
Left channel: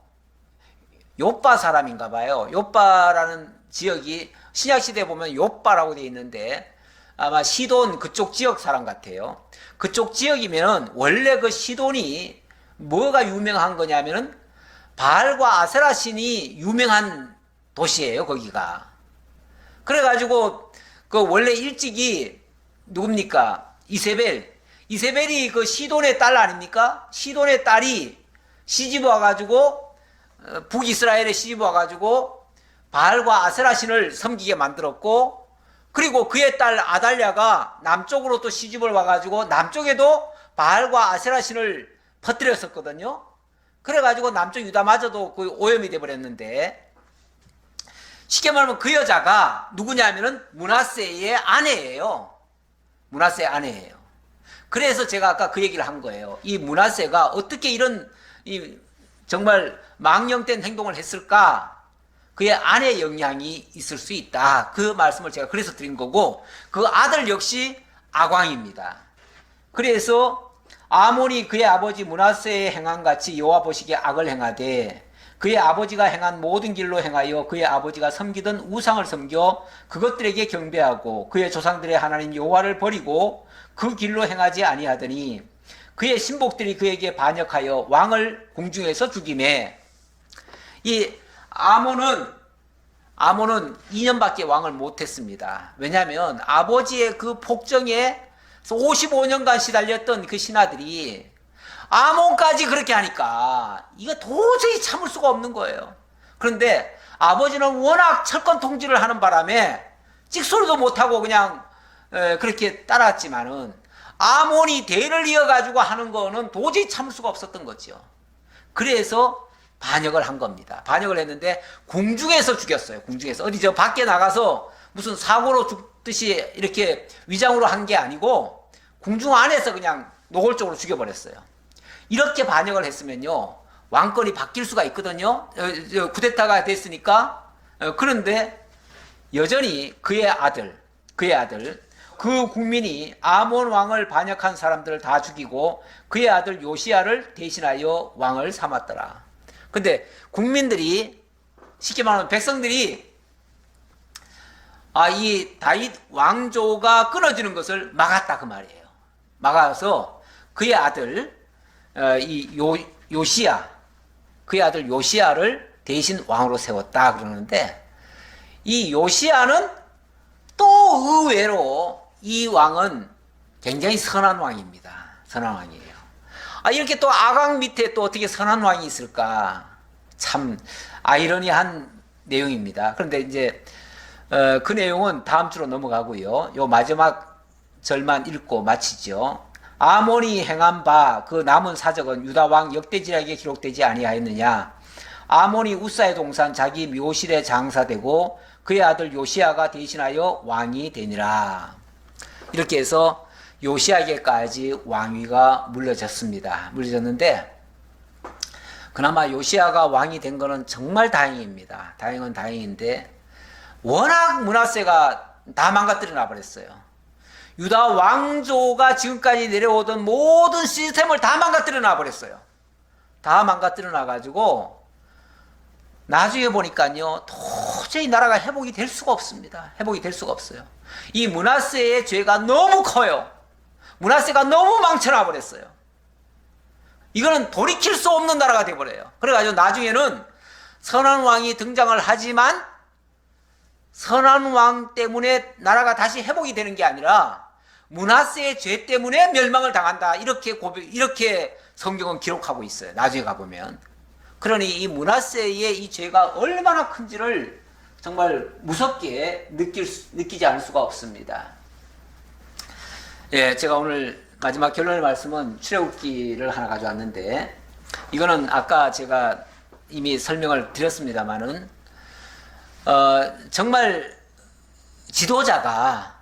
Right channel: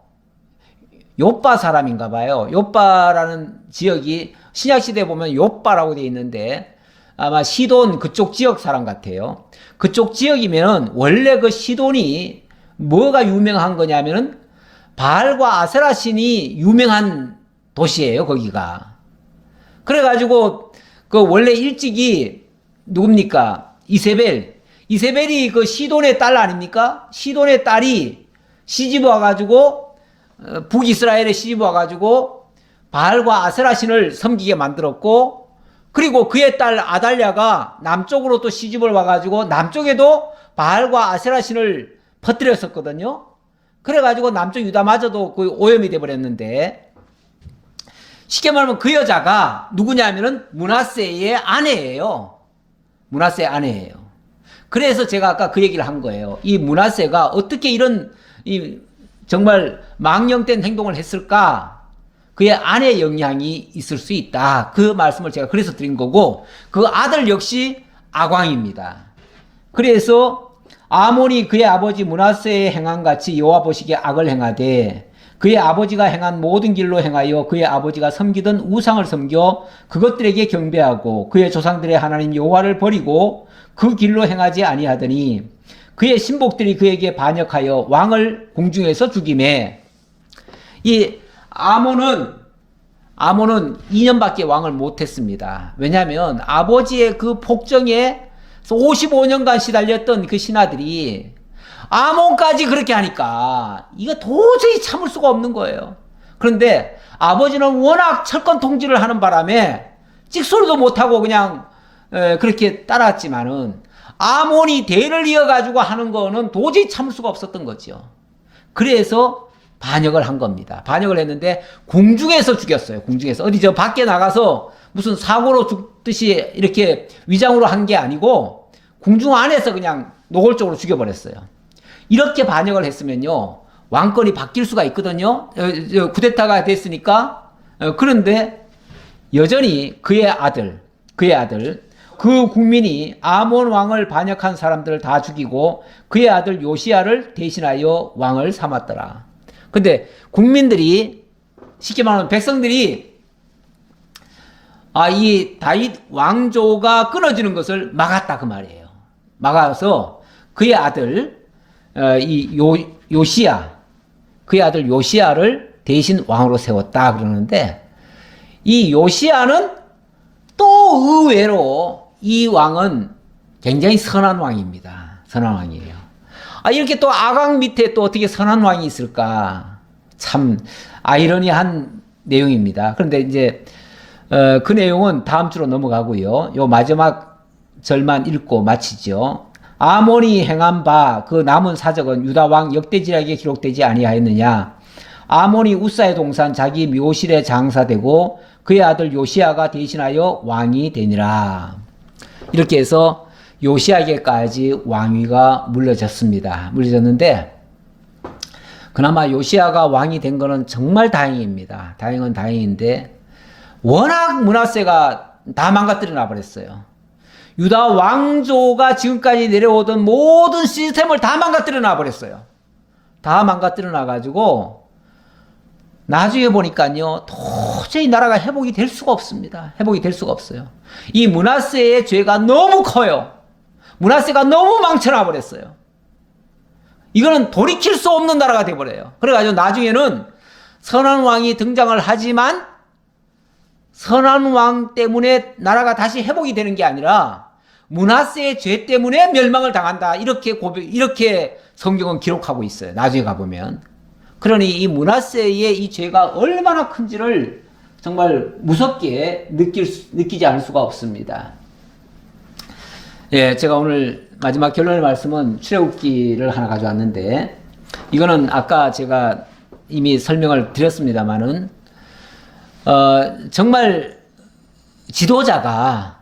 욥바 사람인가 봐요. 욥바라는 지역이 신약시대에 보면 욥바라고 되어 있는데 아마 시돈 그쪽 지역 사람 같아요. 그쪽 지역이면은 원래 그 시돈이 뭐가 유명한 거냐면은 바알과 아세라 신이 유명한 도시예요, 거기가. 그래가지고 그 원래 일찍이 누굽니까? 이세벨이 그 시돈의 딸 아닙니까? 시돈의 딸이 시집 와가지고 북이스라엘에 시집 와가지고 바알과 아세라 신을 섬기게 만들었고, 그리고 그의 딸 아달랴가 남쪽으로 또 시집을 와가지고 남쪽에도 바알과 아세라 신을 퍼뜨렸었거든요. 그래가지고 남쪽 유다마저도 그 오염이 돼버렸는데, 쉽게 말하면 그 여자가 누구냐면은 므낫세의 아내예요. 므낫세의 아내예요. 그래서 제가 아까 그 얘기를 한 거예요. 이 므낫세가 어떻게 이런 정말 망령된 행동을 했을까? 그의 아내의 영향이 있을 수 있다. 그 말씀을 제가 그래서 드린 거고, 그 아들 역시 악왕입니다. 그래서 아몬이 그의 아버지 므낫세의 행함같이 여호와 보시기에 악을 행하되 그의 아버지가 행한 모든 길로 행하여 그의 아버지가 섬기던 우상을 섬겨 그것들에게 경배하고 그의 조상들의 하나님 여호와를 버리고 그 길로 행하지 아니하더니 그의 신복들이 그에게 반역하여 왕을 궁중에서 죽이매. 이 아몬은 2년밖에 왕을 못했습니다. 왜냐하면 아버지의 그 폭정에 55년간 시달렸던 그 신하들이 아몬까지 그렇게 하니까 이거 도저히 참을 수가 없는 거예요. 그런데 아버지는 워낙 철권 통치를 하는 바람에 찍소리도 못하고 그냥 그렇게 따랐지만은 아몬이 대를 이어가지고 하는 거는 도저히 참을 수가 없었던 거죠. 그래서 반역을 한 겁니다. 반역을 했는데 궁중에서 죽였어요. 궁중에서. 어디 저 밖에 나가서 무슨 사고로 죽듯이 이렇게 위장으로 한 게 아니고 궁중 안에서 그냥 노골적으로 죽여버렸어요. 이렇게 반역을 했으면요, 왕권이 바뀔 수가 있거든요. 쿠데타가 됐으니까. 그런데 여전히 그의 아들, 그 국민이 아몬 왕을 반역한 사람들을 다 죽이고 그의 아들 요시야를 대신하여 왕을 삼았더라. 근데 국민들이, 쉽게 말하면 백성들이 이 다윗 왕조가 끊어지는 것을 막았다 그 말이에요. 막아서 그의 아들 그의 아들 요시야를 대신 왕으로 세웠다 그러는데, 이 요시야는 또 의외로 이 왕은 굉장히 선한 왕입니다. 선한 왕이에요. 이렇게 또 악왕 밑에 또 어떻게 선한 왕이 있을까? 참 아이러니한 내용입니다. 그런데 이제 그 내용은 다음 주로 넘어가고요. 요 마지막 절만 읽고 마치죠. 아몬이 행한 바 그 남은 사적은 유다 왕 역대지략에 기록되지 아니하였느냐? 아몬이 우사의 동산 자기 묘실에 장사되고 그의 아들 요시야가 대신하여 왕이 되니라. 이렇게 해서 요시야에게까지 왕위가 물려졌는데, 그나마 요시야가 왕이 된 거는 정말 다행입니다. 다행은 다행인데, 워낙 므낫세가 다 망가뜨려 놔버렸어요. 유다 왕조가 지금까지 내려오던 모든 시스템을 다 망가뜨려 놔버렸어요. 다 망가뜨려 놔가지고 나중에 보니까요, 도저히 나라가 회복이 될 수가 없습니다. 회복이 될 수가 없어요. 이 므낫세의 죄가 너무 커요. 므낫세가 너무 망쳐놔버렸어요. 이거는 돌이킬 수 없는 나라가 돼버려요. 그래가지고 나중에는 선한 왕이 등장을 하지만 선한 왕 때문에 나라가 다시 회복이 되는 게 아니라 므낫세의 죄 때문에 멸망을 당한다. 이렇게 성경은 기록하고 있어요. 나중에 가보면. 그러니 이 므낫세의 이 죄가 얼마나 큰지를 정말 무섭게 느끼지 않을 수가 없습니다. 예, 제가 오늘 마지막 결론의 말씀은 출애굽기를 하나 가져왔는데, 이거는 아까 제가 이미 설명을 드렸습니다만은, 정말 지도자가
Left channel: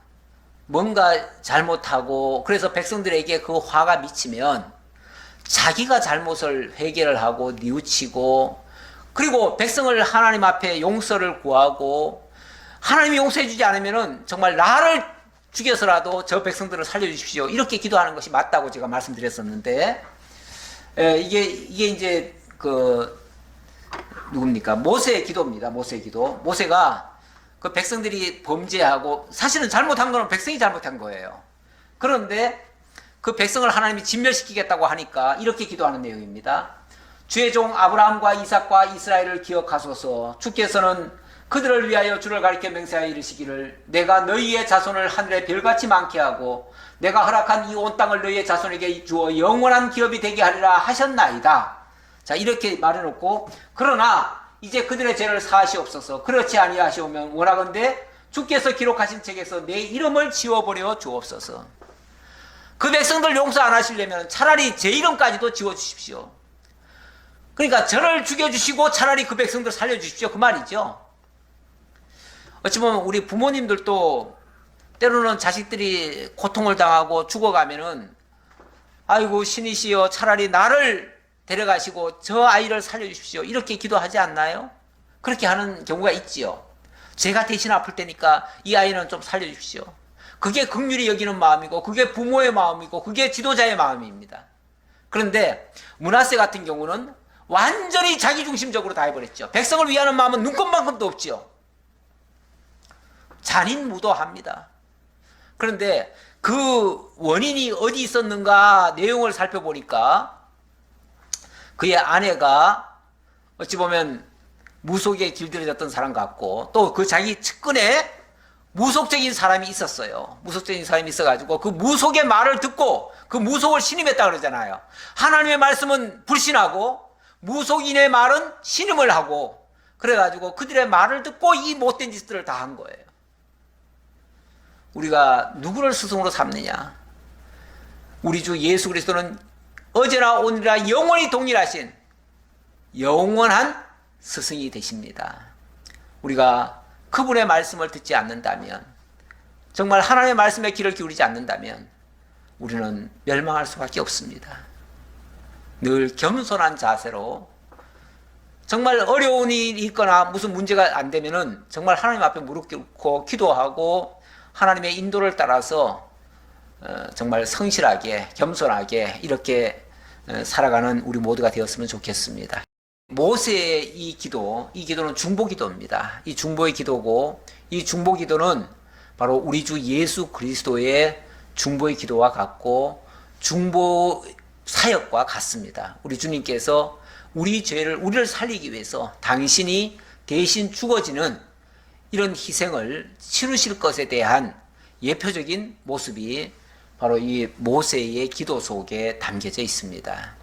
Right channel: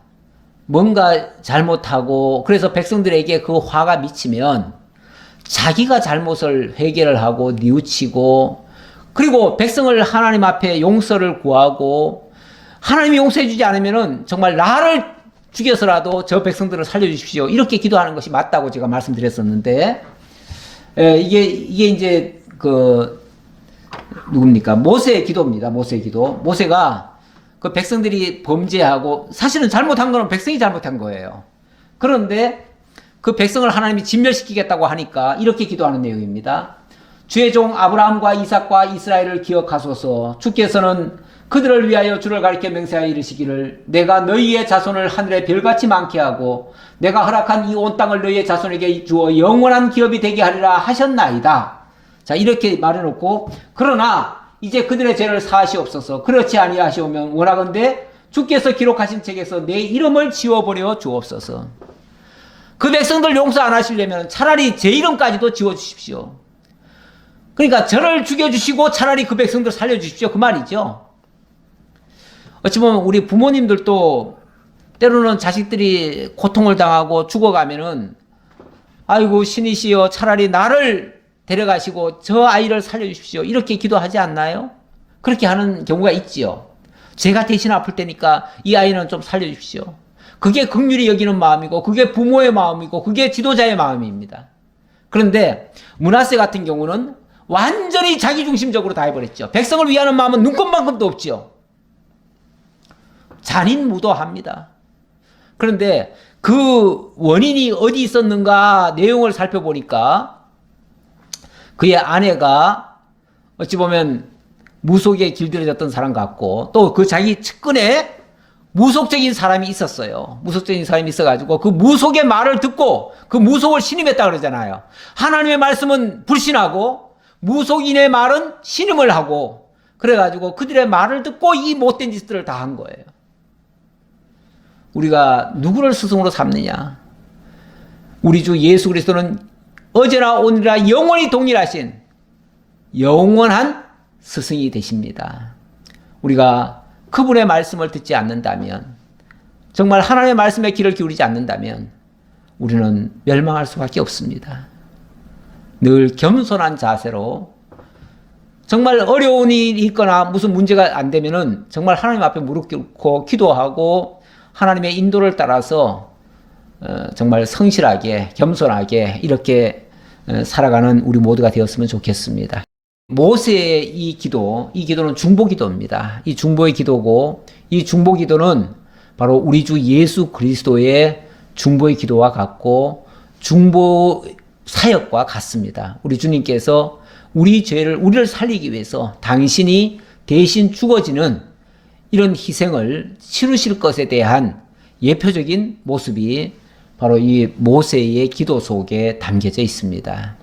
뭔가 잘못하고, 그래서 백성들에게 그 화가 미치면 자기가 잘못을 회개를 하고 뉘우치고, 그리고 백성을 하나님 앞에 용서를 구하고, 하나님이 용서해 주지 않으면은 정말 나를 죽여서라도 저 백성들을 살려주십시오, 이렇게 기도하는 것이 맞다고 제가 말씀드렸었는데, 이게 이제 누굽니까? 모세의 기도입니다. 모세의 기도. 모세가 그 백성들이 범죄하고, 사실은 잘못한 거는 백성이 잘못한 거예요. 그런데 그 백성을 하나님이 진멸시키겠다고 하니까 이렇게 기도하는 내용입니다. 주의 종 아브라함과 이삭과 이스라엘을 기억하소서. 주께서는 그들을 위하여 주를 가리켜 맹세하여 이르시기를, 내가 너희의 자손을 하늘의 별같이 많게 하고 내가 허락한 이 온 땅을 너희의 자손에게 주어 영원한 기업이 되게 하리라 하셨나이다. 자, 이렇게 말해놓고, 그러나 이제 그들의 죄를 사하시옵소서. 그렇지 아니하시오면 원하건대 주께서 기록하신 책에서 내 이름을 지워버려 주옵소서. 그 백성들 용서 안 하시려면 차라리 제 이름까지도 지워주십시오. 그러니까 저를 죽여주시고 차라리 그 백성들 살려주십시오, 그 말이죠. 어찌 보면 우리 부모님들도 때로는 자식들이 고통을 당하고 죽어가면은, 아이고 신이시여 차라리 나를 데려가시고 저 아이를 살려주십시오, 이렇게 기도하지 않나요? 그렇게 하는 경우가 있지요. 제가 대신 아플 테니까 이 아이는 좀 살려주십시오. 그게 긍휼히 여기는 마음이고, 그게 부모의 마음이고, 그게 지도자의 마음입니다. 그런데 므낫세 같은 경우는 완전히 자기중심적으로 다 해버렸죠. 백성을 위하는 마음은 눈꼽만큼도 없죠. 잔인무도합니다. 그런데 그 원인이 어디 있었는가 내용을 살펴보니까, 그의 아내가 어찌 보면 무속에 길들여졌던 사람 같고, 또 그 자기 측근에 무속적인 사람이 있었어요. 무속적인 사람이 있어가지고 그 무속의 말을 듣고 그 무속을 신임했다 그러잖아요. 하나님의 말씀은 불신하고 무속인의 말은 신임을 하고, 그래가지고 그들의 말을 듣고 이 못된 짓들을 다 한 거예요. 우리가 누구를 스승으로 삼느냐? 우리 주 예수 그리스도는 어제나 오늘이나 영원히 동일하신 영원한 스승이 되십니다. 우리가 그분의 말씀을 듣지 않는다면, 정말 하나님의 말씀에 귀를 기울이지 않는다면 우리는 멸망할 수밖에 없습니다. 늘 겸손한 자세로, 정말 어려운 일이 있거나 무슨 문제가 안 되면은 정말 하나님 앞에 무릎 꿇고 기도하고 하나님의 인도를 따라서 정말 성실하게 겸손하게 이렇게 살아가는 우리 모두가 되었으면 좋겠습니다. 모세의 이 기도는 중보기도입니다. 이 중보의 기도고, 이 중보기도는 바로 우리 주 예수 그리스도의 중보의 기도와 같고 중보 사역과 같습니다. 우리 주님께서 우리를 살리기 위해서 당신이 대신 죽어지는 이런 희생을 치르실 것에 대한 예표적인 모습이 바로 이 모세의 기도 속에 담겨져 있습니다.